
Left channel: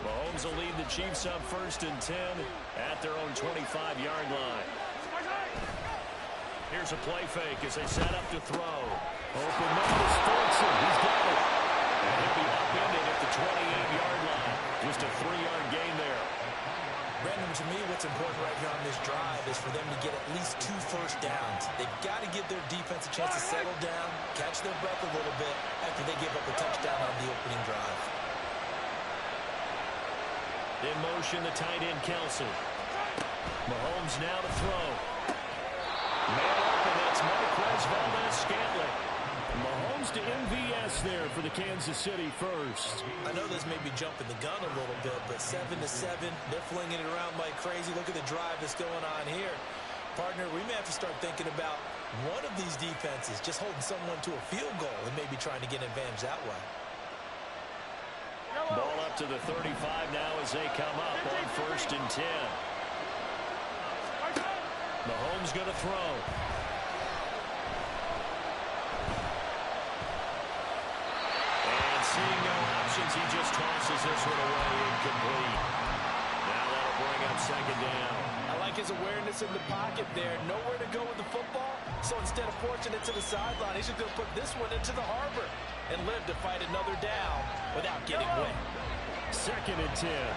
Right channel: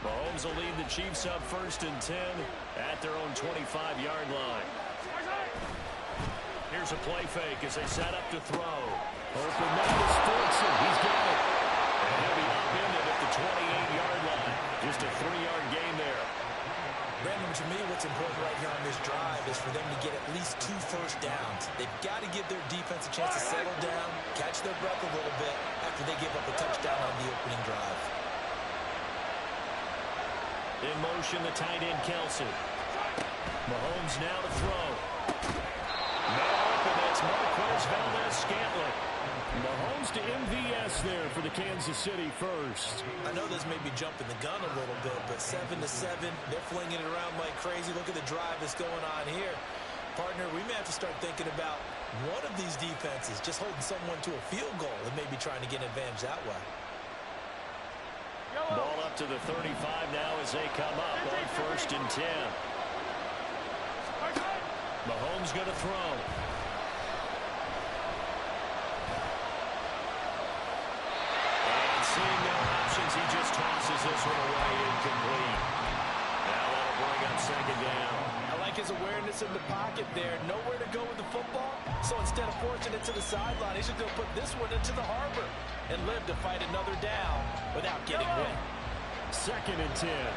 Mahomes will lead the Chiefs up 1st and 10 at their own 25-yard line. Here's a play fake as they set up to throw. Open man is Fortson. He's got it. And he'll be upended at the 28-yard line. Just a 3-yard gain there. Brandon, to me, what's important right here on this drive is for them to get at least 2 first downs. They've got to give their defense a chance to settle down, catch their breath a little bit after they give up a touchdown on the opening drive. In motion, the tight end, Kelsey. Mahomes now to throw. Man open, that's Marquez Valdez-Scantling. Mahomes to MVS there for the Kansas City first. I know this may be jumping the gun a little bit, but 7-7, they're flinging it around like crazy. Look at the drive that's going on here. Partner, we may have to start thinking about one of these defenses just holding someone to a field goal and maybe trying to get an advantage that way. Ball up to the 35 now as they come up on 1st and 10. Mahomes going to throw. And seeing no options, he just tosses this one away, incomplete. Now that'll bring up 2nd down. I like his awareness in the pocket there. Nowhere to go with the football, so instead of forcing it to the sideline, he's just going to put this one into the harbor and live to fight another down without getting wet. 2nd and 10.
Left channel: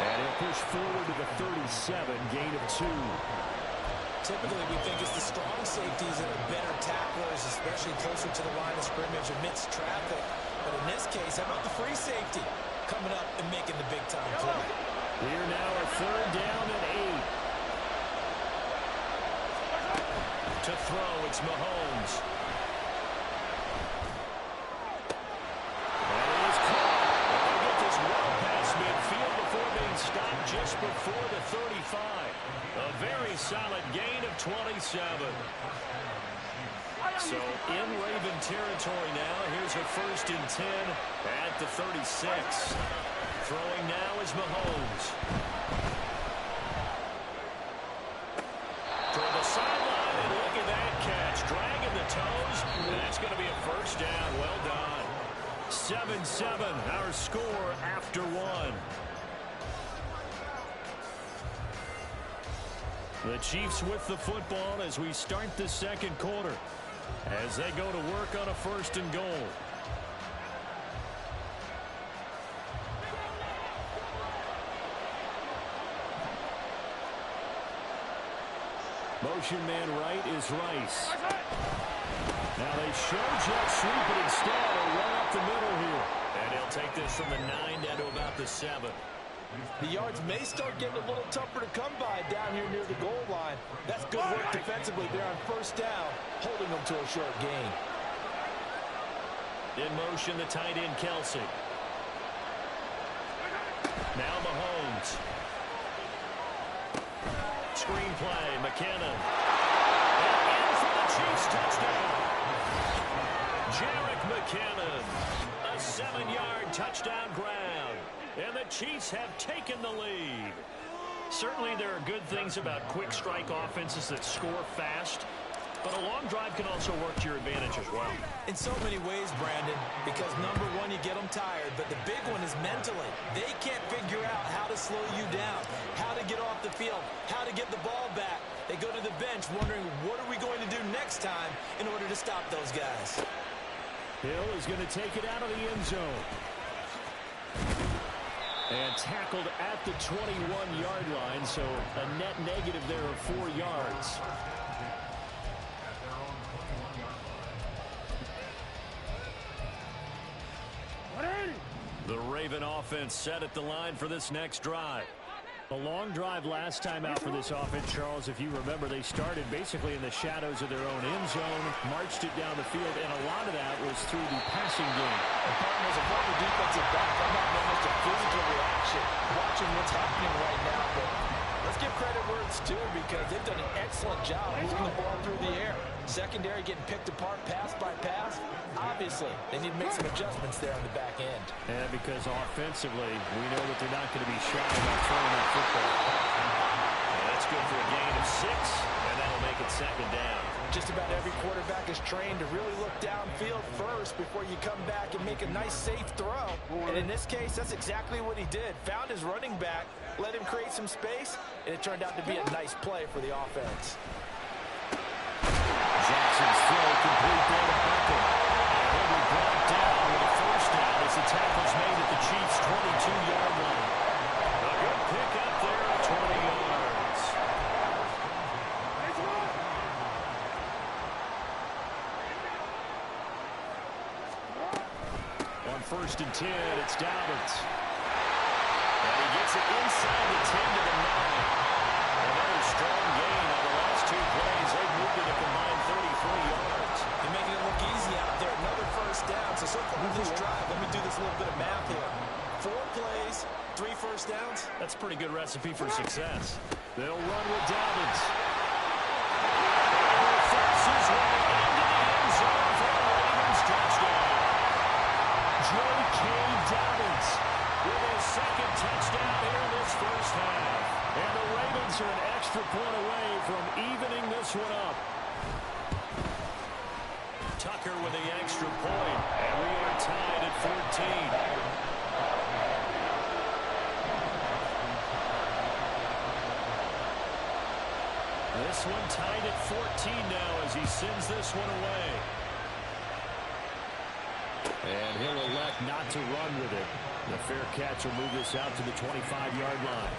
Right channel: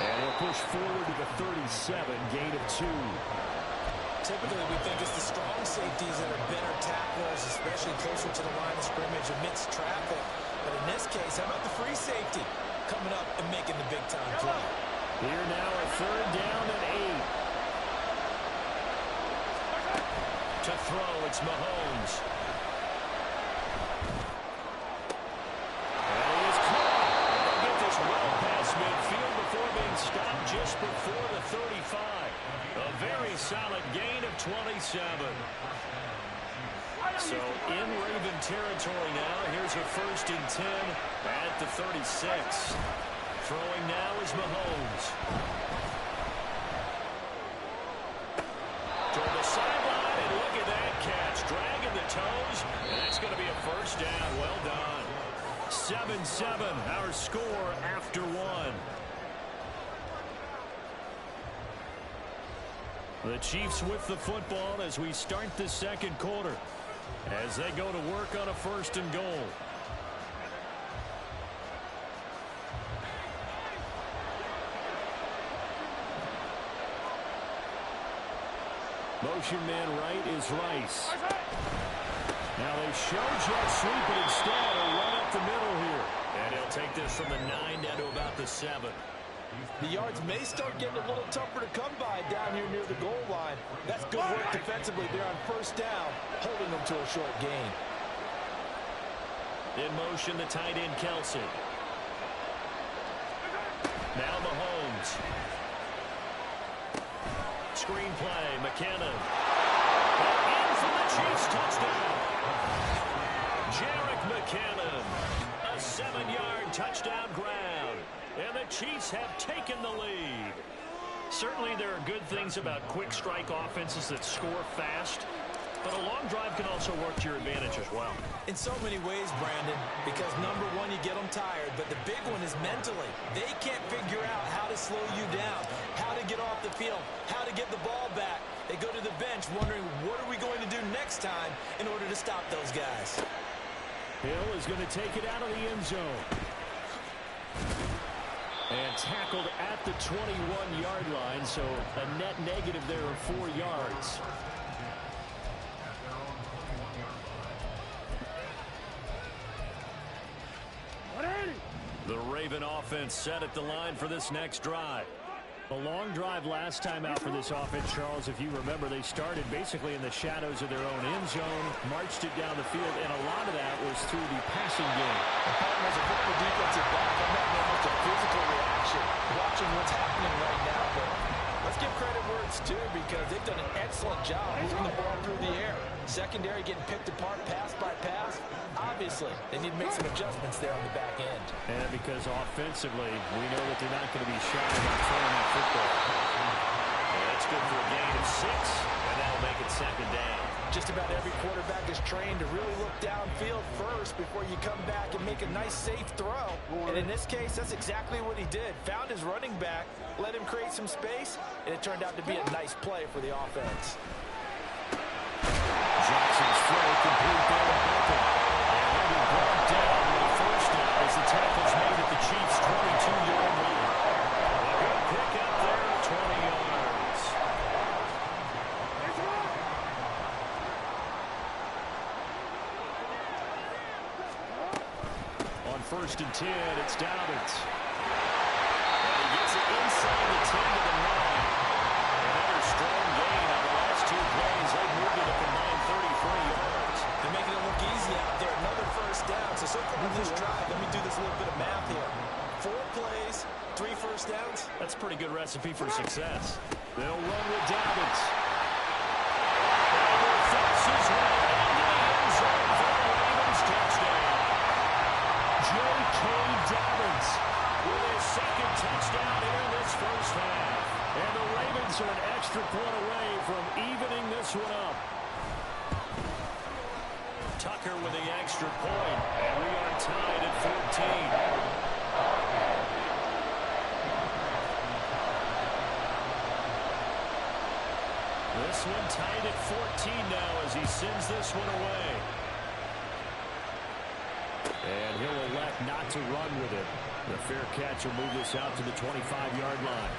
And he'll push forward to the 37, gain of 2. Typically, we think it's the strong safeties that are better tacklers, especially closer to the line of scrimmage amidst traffic. But in this case, how about the free safety coming up and making the big-time play? Here now a 3rd down and 8. To throw, it's Mahomes. And he is caught. And they'll get this well past midfield before being stopped just before the 35. A very solid gain of 27. So in Raven territory now, here's a 1st and 10 at the 36. Throwing now is Mahomes. Toward the sideline, and look at that catch. Dragging the toes, and that's going to be a 1st down. Well done. 7-7, our score after 1. The Chiefs with the football as we start the 2nd quarter, as they go to work on a 1st and goal. Motion man right is Rice. Now they show jet sweep, but instead a run up the middle here. And he'll take this from the 9 down to about the 7. The yards may start getting a little tougher to come by down here near the goal line. That's good work defensively there on 1st down, holding them to a short gain. In motion, the tight end, Kelsey. Now Mahomes. Screen play, McKinnon. And in for the Chiefs touchdown. Jerick McKinnon, a 7-yard touchdown grab. And the Chiefs have taken the lead. Certainly there are good things about quick strike offenses that score fast, but a long drive can also work to your advantage as well. In so many ways, Brandon, because number one, you get them tired, but the big one is mentally. They can't figure out how to slow you down, how to get off the field, how to get the ball back. They go to the bench wondering, what are we going to do next time in order to stop those guys? Hill is going to take it out of the end zone. And tackled at the 21-yard line, so a net negative there of 4 yards. The Raven offense set at the line for this next drive. A long drive last time out for this offense, Charles. If you remember, they started basically in the shadows of their own end zone, marched it down the field, and a lot of that was through the passing game. And partner, as a former defensive back, I'm having almost a physical reaction watching what's happening right now. But let's give credit where it's due, because they've done an excellent job moving the ball through the air. Secondary getting picked apart pass by pass. Obviously, they need to make some adjustments there on the back end. And because offensively, we know that they're not going to be shy about throwing that football. And that's good for a gain of 6, and that'll make it second down. Just about every quarterback is trained to really look downfield first before you come back and make a nice, safe throw. And in this case, that's exactly what he did. Found his running back, let him create some space, and it turned out to be a nice play for the offense. Jackson's throw complete there to Beckham. And he'll be brought down with a first down as the tackle's made at the Chiefs' 22-yard line. A good pick up there at 20 yards. On 1st and 10, it's Dobbins. And he gets it inside the 10 to the 9. Another strong gain on the last 2 plays. They've moved it a combined 33 yards. They're making it look easy out there. Another first down. So far in this drive, let me do this little bit of math here. 4 plays, 3 first downs. That's a pretty good recipe for success. They'll run with Dobbins. And he will force his way into the end zone for a Ravens touchdown. J.K. Dobbins with his 2nd touchdown here in this first half. And the Ravens are an extra point away from evening this one up. Tucker with the extra point, and we are tied at 14. This one tied at 14 now as he sends this one away. And he'll elect not to run with it. The fair catch will move this out to the 25-yard line.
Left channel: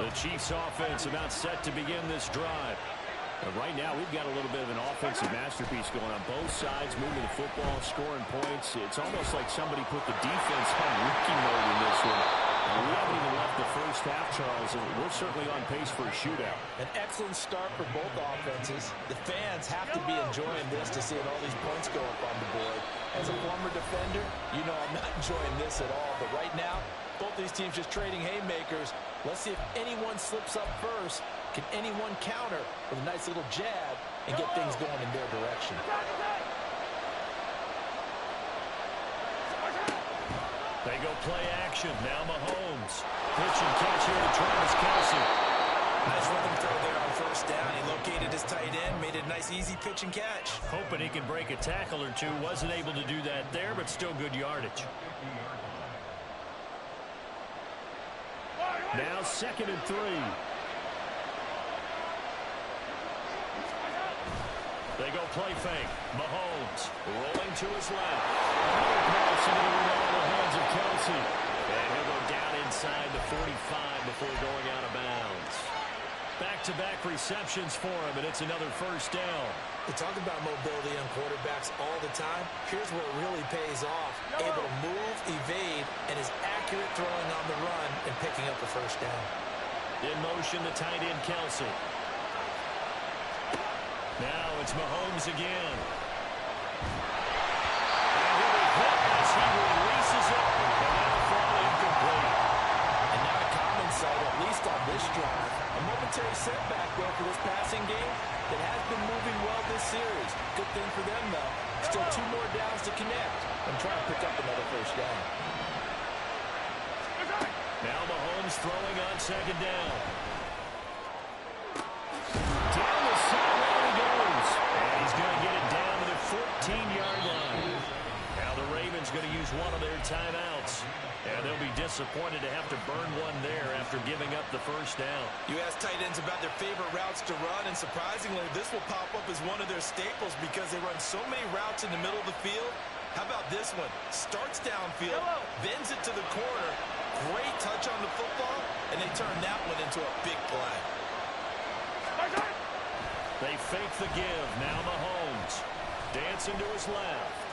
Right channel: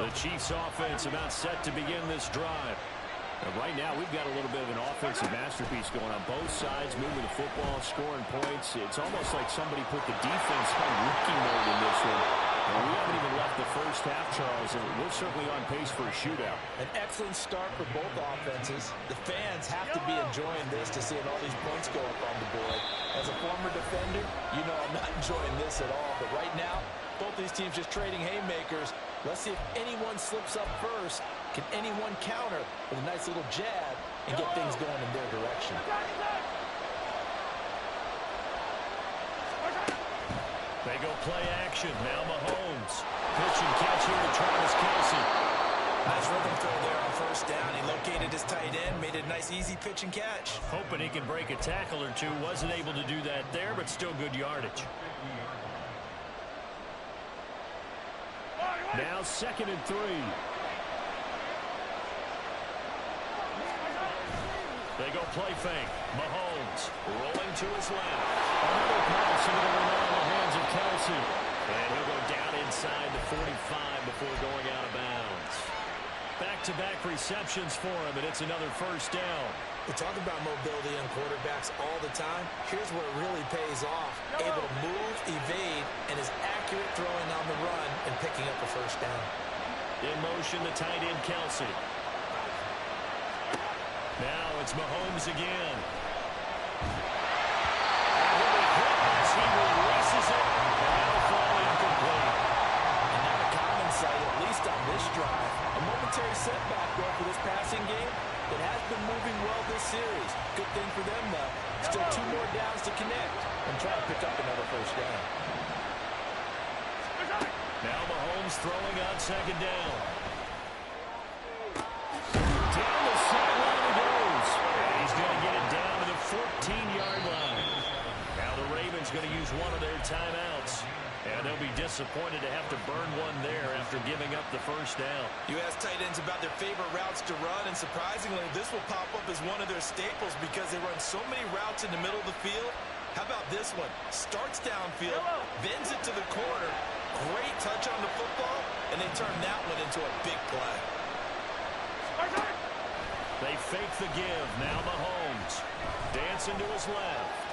The Chiefs offense about set to begin this drive. And right now, we've got a little bit of an offensive masterpiece going on both sides, moving the football, scoring points. It's almost like somebody put the defense on rookie mode in this one. And we haven't even left the first half, Charles, and we're certainly on pace for a shootout. An excellent start for both offenses. The fans have to be enjoying this to seeing all these points go up on the board. As a former defender, you know I'm not enjoying this at all. But right now, both these teams just trading haymakers. Let's see if anyone slips up first. Can anyone counter with a nice little jab and get things going in their direction? They go play action. Now Mahomes. Pitch and catch here to Travis Kelce. Nice rhythm throw there on first down. He located his tight end, made it a nice easy pitch and catch. Hoping he can break a tackle or two. Wasn't able to do that there, but still good yardage. Now 2nd and 3. They go play fake. Mahomes rolling to his left. Another pass into the reliable hands of Kelce. And he'll go down inside the 45 before going out of bounds. Back-to-back receptions for him, and it's another first down. They talk about mobility on quarterbacks all the time. Here's where it really pays off. Able to move, evade, and is accurate throwing on the run and picking up a first down. In motion, the tight end, Kelce. Now it's Mahomes again. And he'll be hit as he releases it, and that'll fall incomplete. sight, at least on this drive. A momentary setback, though, for this passing game that has been moving well this series. Good thing for them, though. Still 2 more downs to connect and try to pick up another first down. Now Mahomes throwing on second down. Down the sideline he goes. And he's going to get it down to the 14-yard line. Now the Ravens going to use one of their timeouts. And they'll be disappointed to have to burn one there after giving up the first down. You ask tight ends about their favorite routes to run, and surprisingly, this will pop up as one of their staples because they run so many routes in the middle of the field. How about this one? Starts downfield, bends it to the corner, great touch on the football, and they turn that one into a big play. They fake the give. Now Mahomes dancing to his left.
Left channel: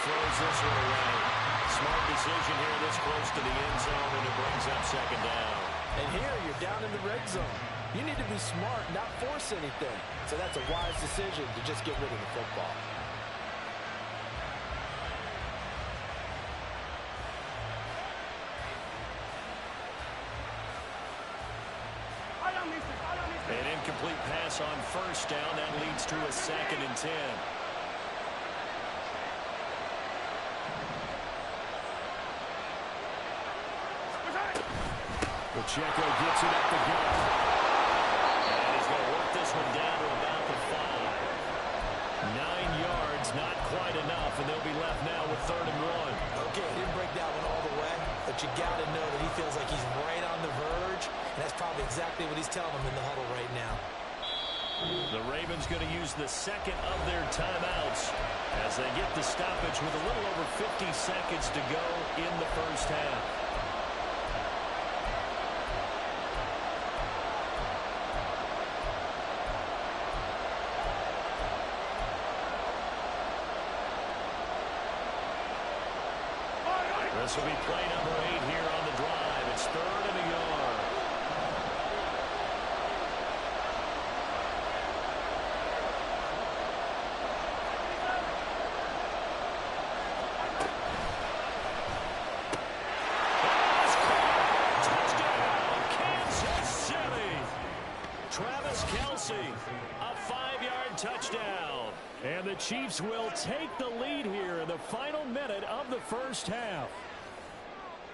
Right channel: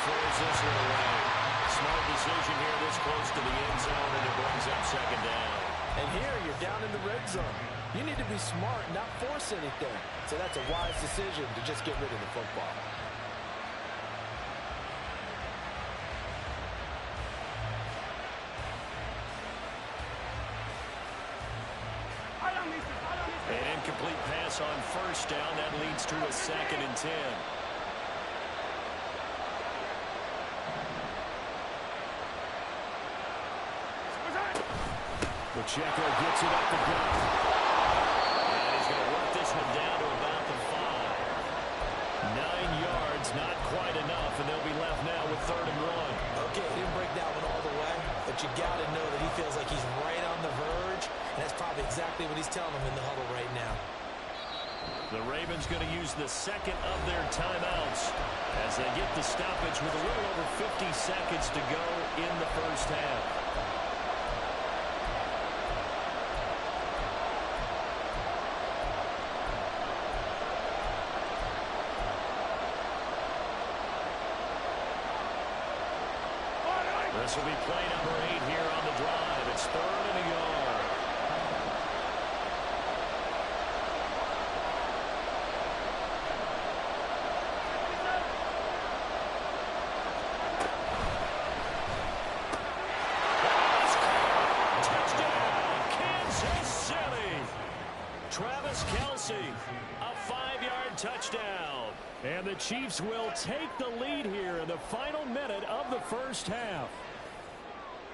Throws this one away. Smart decision here this close to the end zone, and it brings up second down. And here you're down in the red zone. You need to be smart, not force anything. So that's a wise decision to just get rid of the football. An incomplete pass on first down. That leads to a 2nd and 10. Pacheco gets it up the gut. And he's going to work this one down to about the 5. 9 yards, not quite enough, and they'll be left now with 3rd and 1. Okay, he didn't break that one all the way, but you got to know that he feels like he's right on the verge, and that's probably exactly what he's telling them in the huddle right now. The Ravens going to use the 2nd of their timeouts as they get the stoppage with a little over 50 seconds to go in the first half. This will be play number 8 here on the drive. It's 3rd and a yard. That is caught. Touchdown, Kansas City. Travis Kelce, a 5-yard touchdown. And the Chiefs will take the lead here in the final minute of the first half.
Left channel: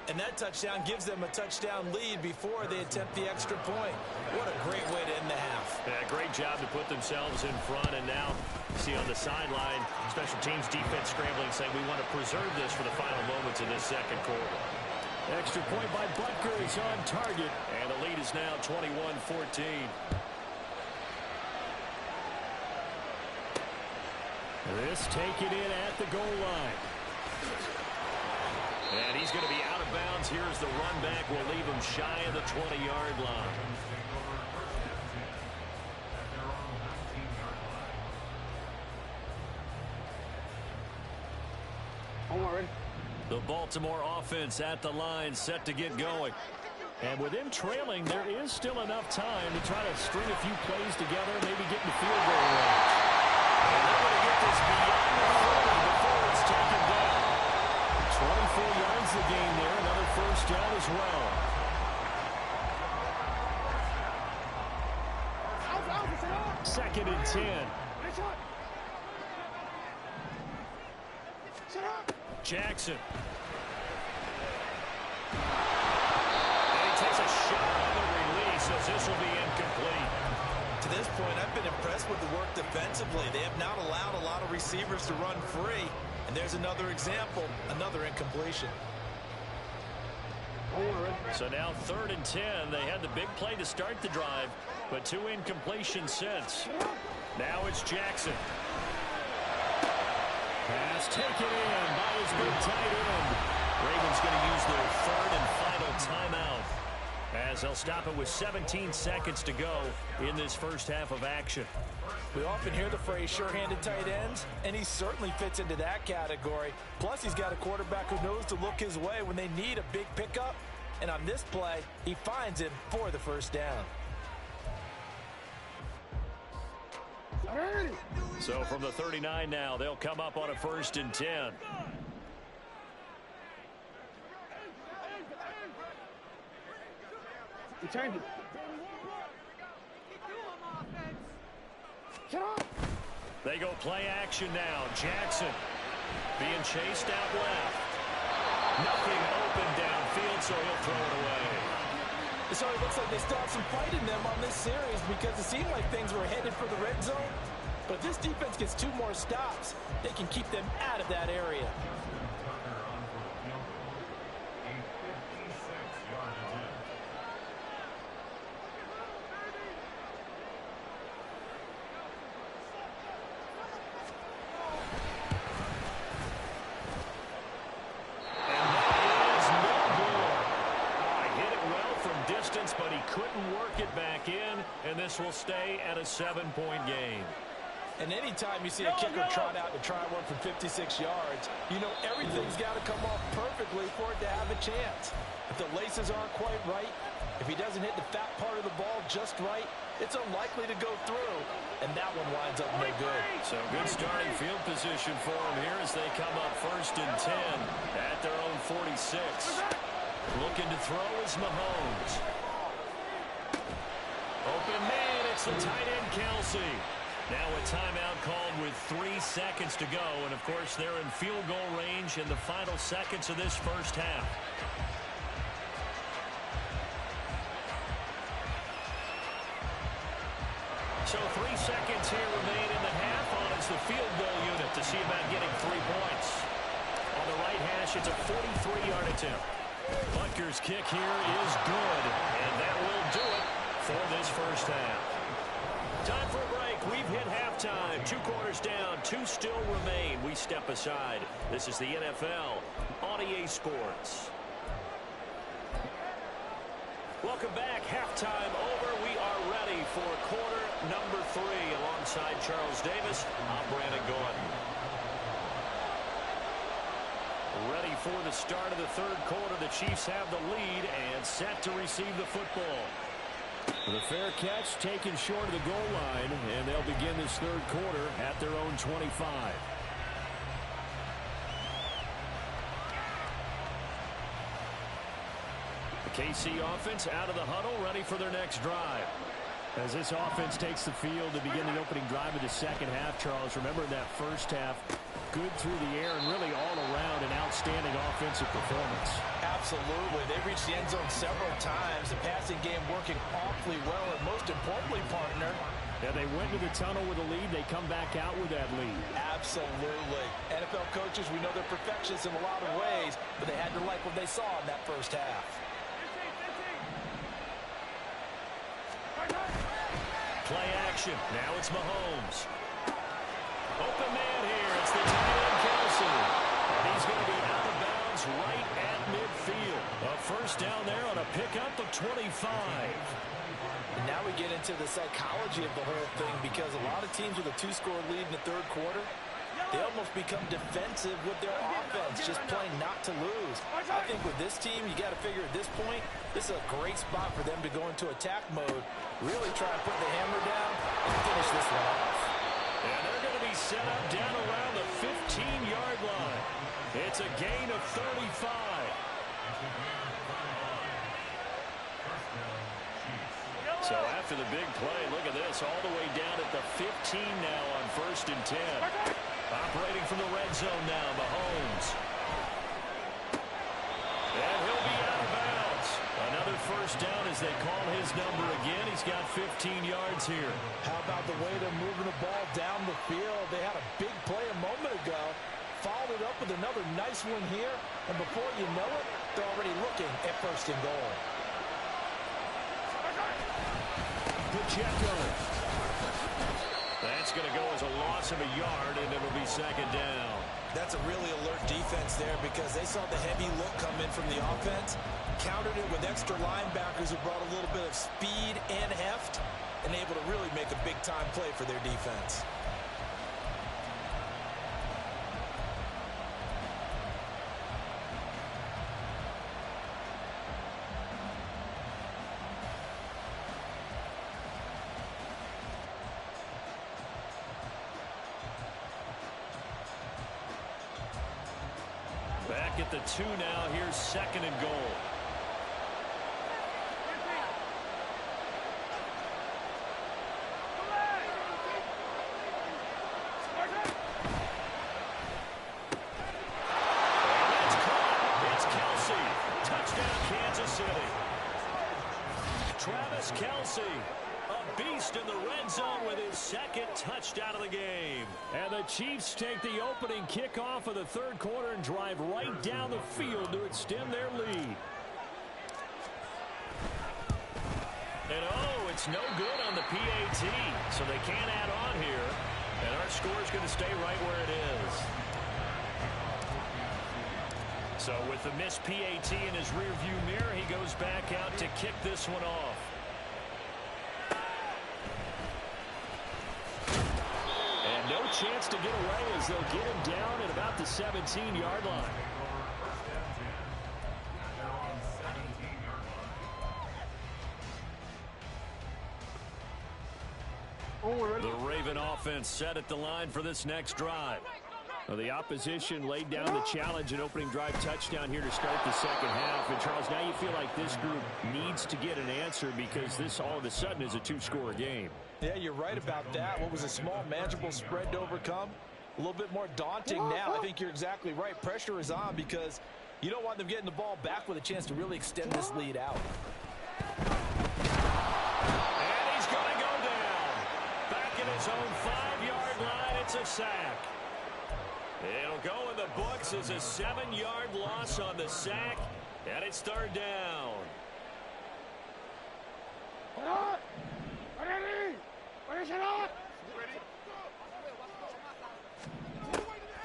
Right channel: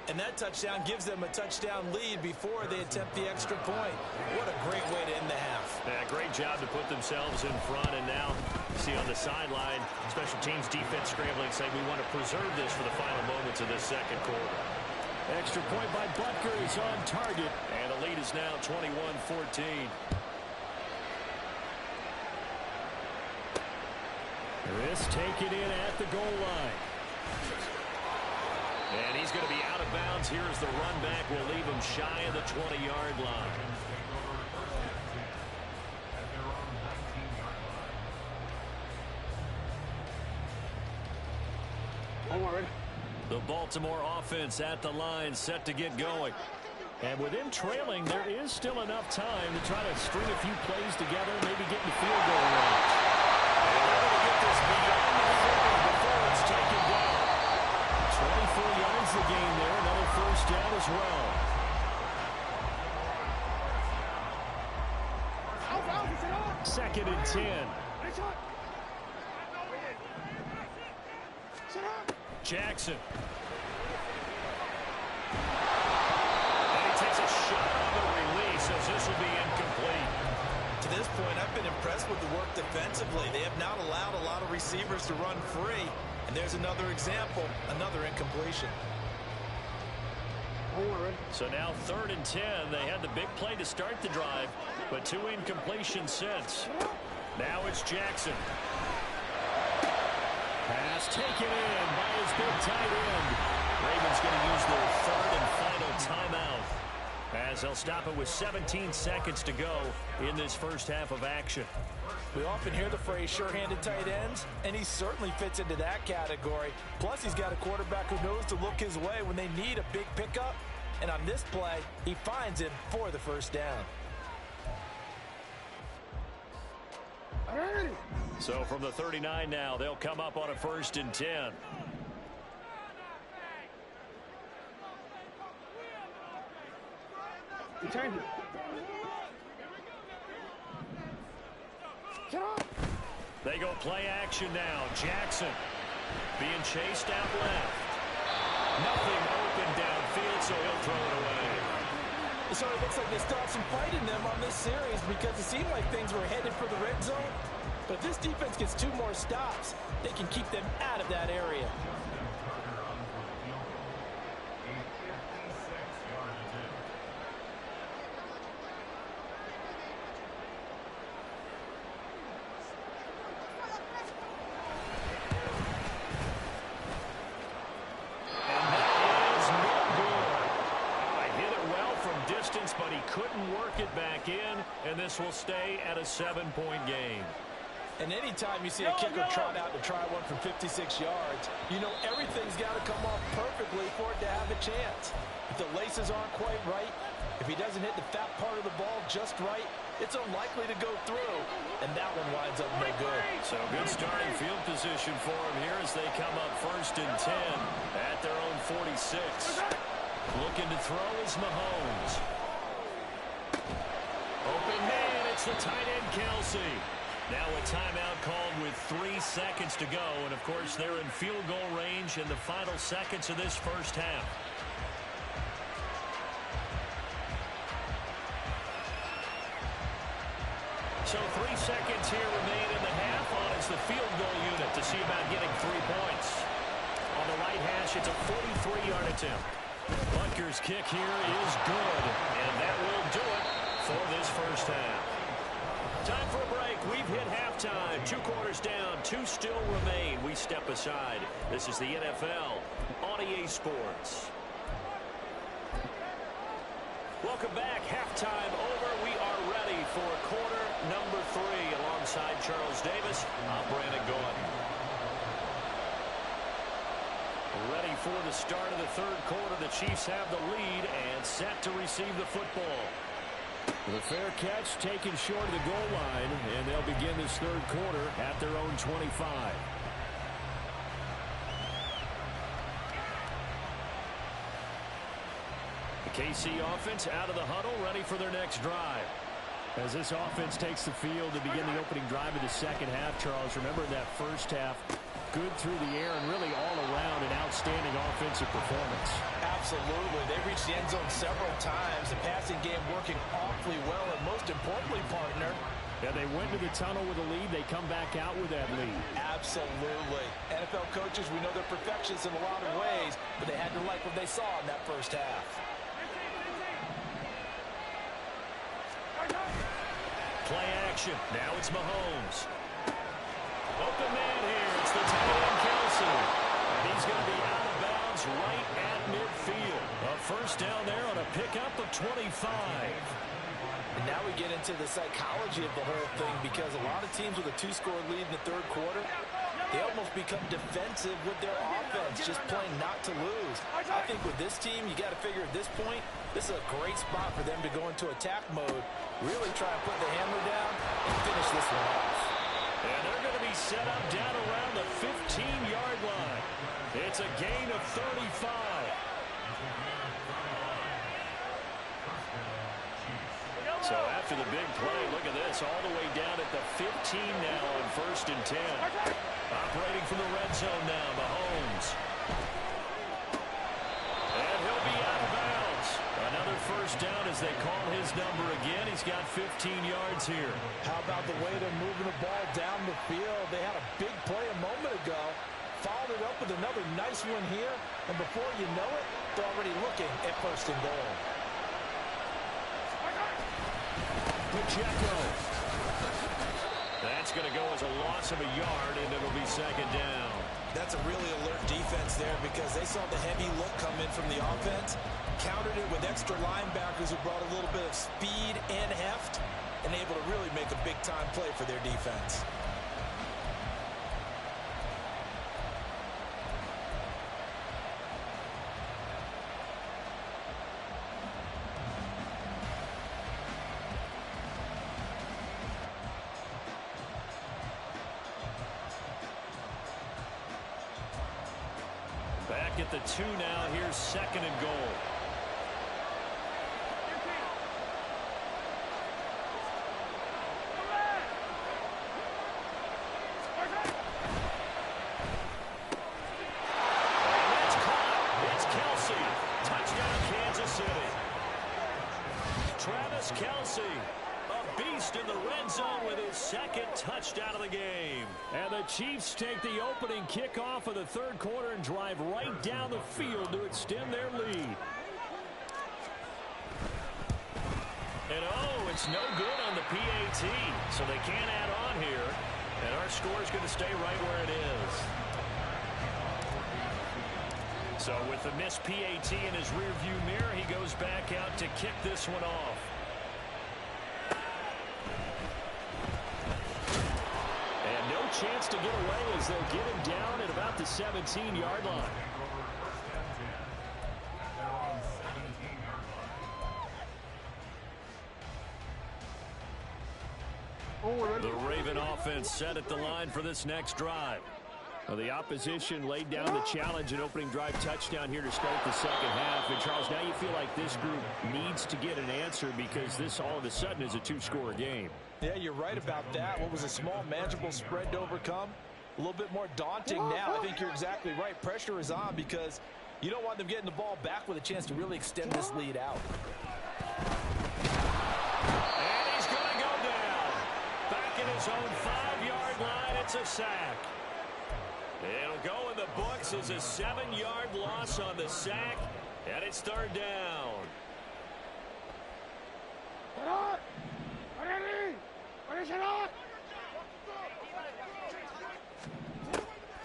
And that touchdown gives them a touchdown lead before they attempt the extra point. What a great way to end the half. Yeah, great job to put themselves in front. And now you see on the sideline, special teams defense scrambling, saying we want to preserve this for the final moments of this second quarter. Extra point by Butker is on target. And the lead is now 21-14. This taken in at the goal line. And he's going to be out of bounds. Here's the run back. Will leave him shy of the 20-yard line. The Baltimore offense at the line, set to get going. And with him trailing, there is still enough time to try to string a few plays together, maybe get in the field goal range. And they're going to get this beyond the 40 before it's taken down. 24 yards the gain there, another first down as well. Second and 10. Jackson. And he takes a shot on the release as this will be incomplete. To this point, I've been impressed with the work defensively. They have not allowed a lot of receivers to run free. And there's another example, another incompletion. So now 3rd and 10. They had the big play to start the drive, but 2 incompletions since. Now it's Jackson. Pass taken in by his big tight end. Ravens going to use their 3rd and final timeout as they'll stop it with 17 seconds to go in this first half of action. We often hear the phrase sure-handed tight ends, and he certainly fits into that category. Plus, he's got a quarterback who knows to look his way when they need a big pickup. And on this play, he finds him for the first down. So from the 39 now, they'll come up on a 1st and 10. You turned it. Shut up! They go play action now. Jackson being chased out left. Nothing open downfield, so he'll throw it away. So it looks like they still have some fight in them on this series because it seemed like things were headed for the red zone. But if this defense gets 2 more stops, they can keep them out of that area. But he couldn't work it back in, and this will stay at a 7-point game. And anytime you see a kicker trot out to try one from 56 yards, you know everything's got to come off perfectly for it to have a chance. If the laces aren't quite right, if he doesn't hit the fat part of the ball just right, it's unlikely to go through, and that one winds up no good. So good starting field position for him here as they come up 1st and 10 at their own 46. Looking to throw is Mahomes. Open man, it's the tight end, Kelsey. Now a timeout called with 3 seconds to go. And, of course, they're in field goal range in the final seconds of this first half. So 3 seconds here remain in the half on as the field goal unit to see about getting 3 points. On the right hash, it's a 43-yard attempt. Butker's kick here is good, and that will do it for this first half. Time for a break. We've hit halftime. 2 quarters down. 2 still remain. We step aside. This is the NFL on EA Sports. Welcome back. Halftime over. We are ready for quarter number 3. Alongside Charles Davis, I'm Brandon Gordon. Ready for the start of the 3rd quarter. The Chiefs have the lead and set to receive the football. The fair catch taken short of the goal line, and they'll begin this 3rd quarter at their own 25. The KC offense out of the huddle, ready for their next drive. As this offense takes the field to begin the opening drive of the second half, Charles, remember in that first half, good through the air and really all around an outstanding offensive performance. Absolutely. They reached the end zone several times. The passing game working awfully well, and most importantly, partner, yeah, they went to the tunnel with a lead. They come back out with that lead. Absolutely. NFL coaches, we know they're perfectionists in a lot of ways, but they had to like what they saw in that first half. Play action. Now it's Mahomes. Open man here. It's the tight end, Kelsey. And he's going to be out of bounds right at midfield. A first down there on a pickup of 25. And now we get into the psychology of the whole thing, because a lot of teams with a 2-score lead in the 3rd quarter, they almost become defensive with their offense, just playing not to lose. I think with this team, you got to figure at this point, this is a great spot for them to go into attack mode, really try and put the hammer down and finish this one off. And they're going to be set up down around the 15-yard line. It's a gain of 35. So after the big play, look at this, all the way down at the 15 now on 1st and 10. Operating from the red zone now, Mahomes. And he'll be out of bounds. Another first down as they call his number again. He's got 15 yards here. How about the way they're moving the ball down the field? They had a big play a moment ago, followed it up with another nice one here, and before you know it, they're already looking at 1st and goal. Pacheco. That's going to go as a loss of a yard, and it'll be 2nd down. That's a really alert defense there, because they saw the heavy look come in from the offense, countered it with extra linebackers who brought a little bit of speed and heft, and able to really make a big-time play for their defense. Back at the 2 now. Here's 2nd and goal. Travis Kelce, a beast in the red zone with his second touchdown of the game. And the Chiefs take the opening kickoff of the third quarter and drive right down the field to extend their lead. And oh, it's no good on the PAT, so they can't add on here. And our score is going to stay right where it is. So with the missed PAT in his rearview mirror, he goes back out to kick this one off. And no chance to get away as they'll get him down at about the 17-yard line. The Raven offense set at the line for this next drive. Well, the opposition laid down the challenge and opening drive touchdown here to start the second half. And, Charles, now you feel like this group needs to get an answer because this all of a sudden is a two-score game. Yeah, you're right about that. What was a small, manageable spread to overcome? A little bit more daunting now. I think you're exactly right. Pressure is on because you don't want them getting the ball back with a chance to really extend this lead out. And he's going to go down. Back in his own 5-yard line, it's a sack. It'll go in the books as a 7-yard loss on the sack, and it's third down.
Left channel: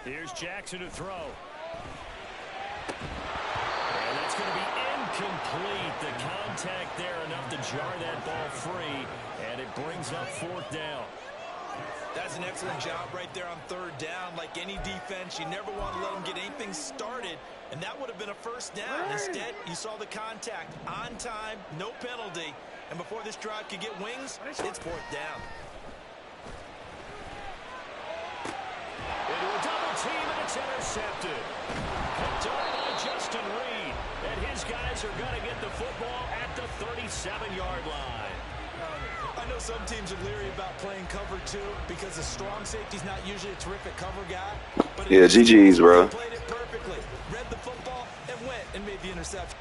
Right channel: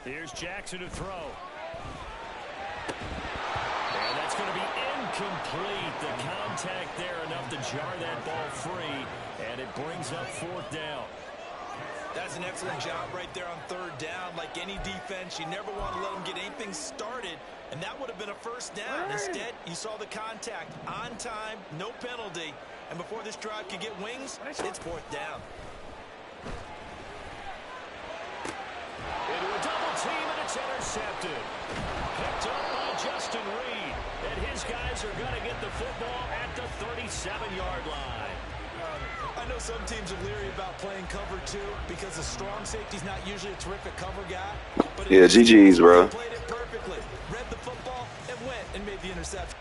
Here's Jackson to throw. And that's going to be incomplete. The contact there enough to jar that ball free, and it brings up fourth down. That's an excellent job right there on third down. Like any defense, you never want to let them get anything started, and that would have been a first down. Instead, you saw the contact on time, no penalty, and before this drive could get wings, it's fourth down. Into a double team, and it's intercepted. Picked up by Justin Reed, and his guys are going to get the football at the 37-yard line. I know some teams are leery about playing cover two because the strong safety's not usually a terrific cover guy. But yeah, GG's, bro. Played it perfectly. Read the football and went and made the interception.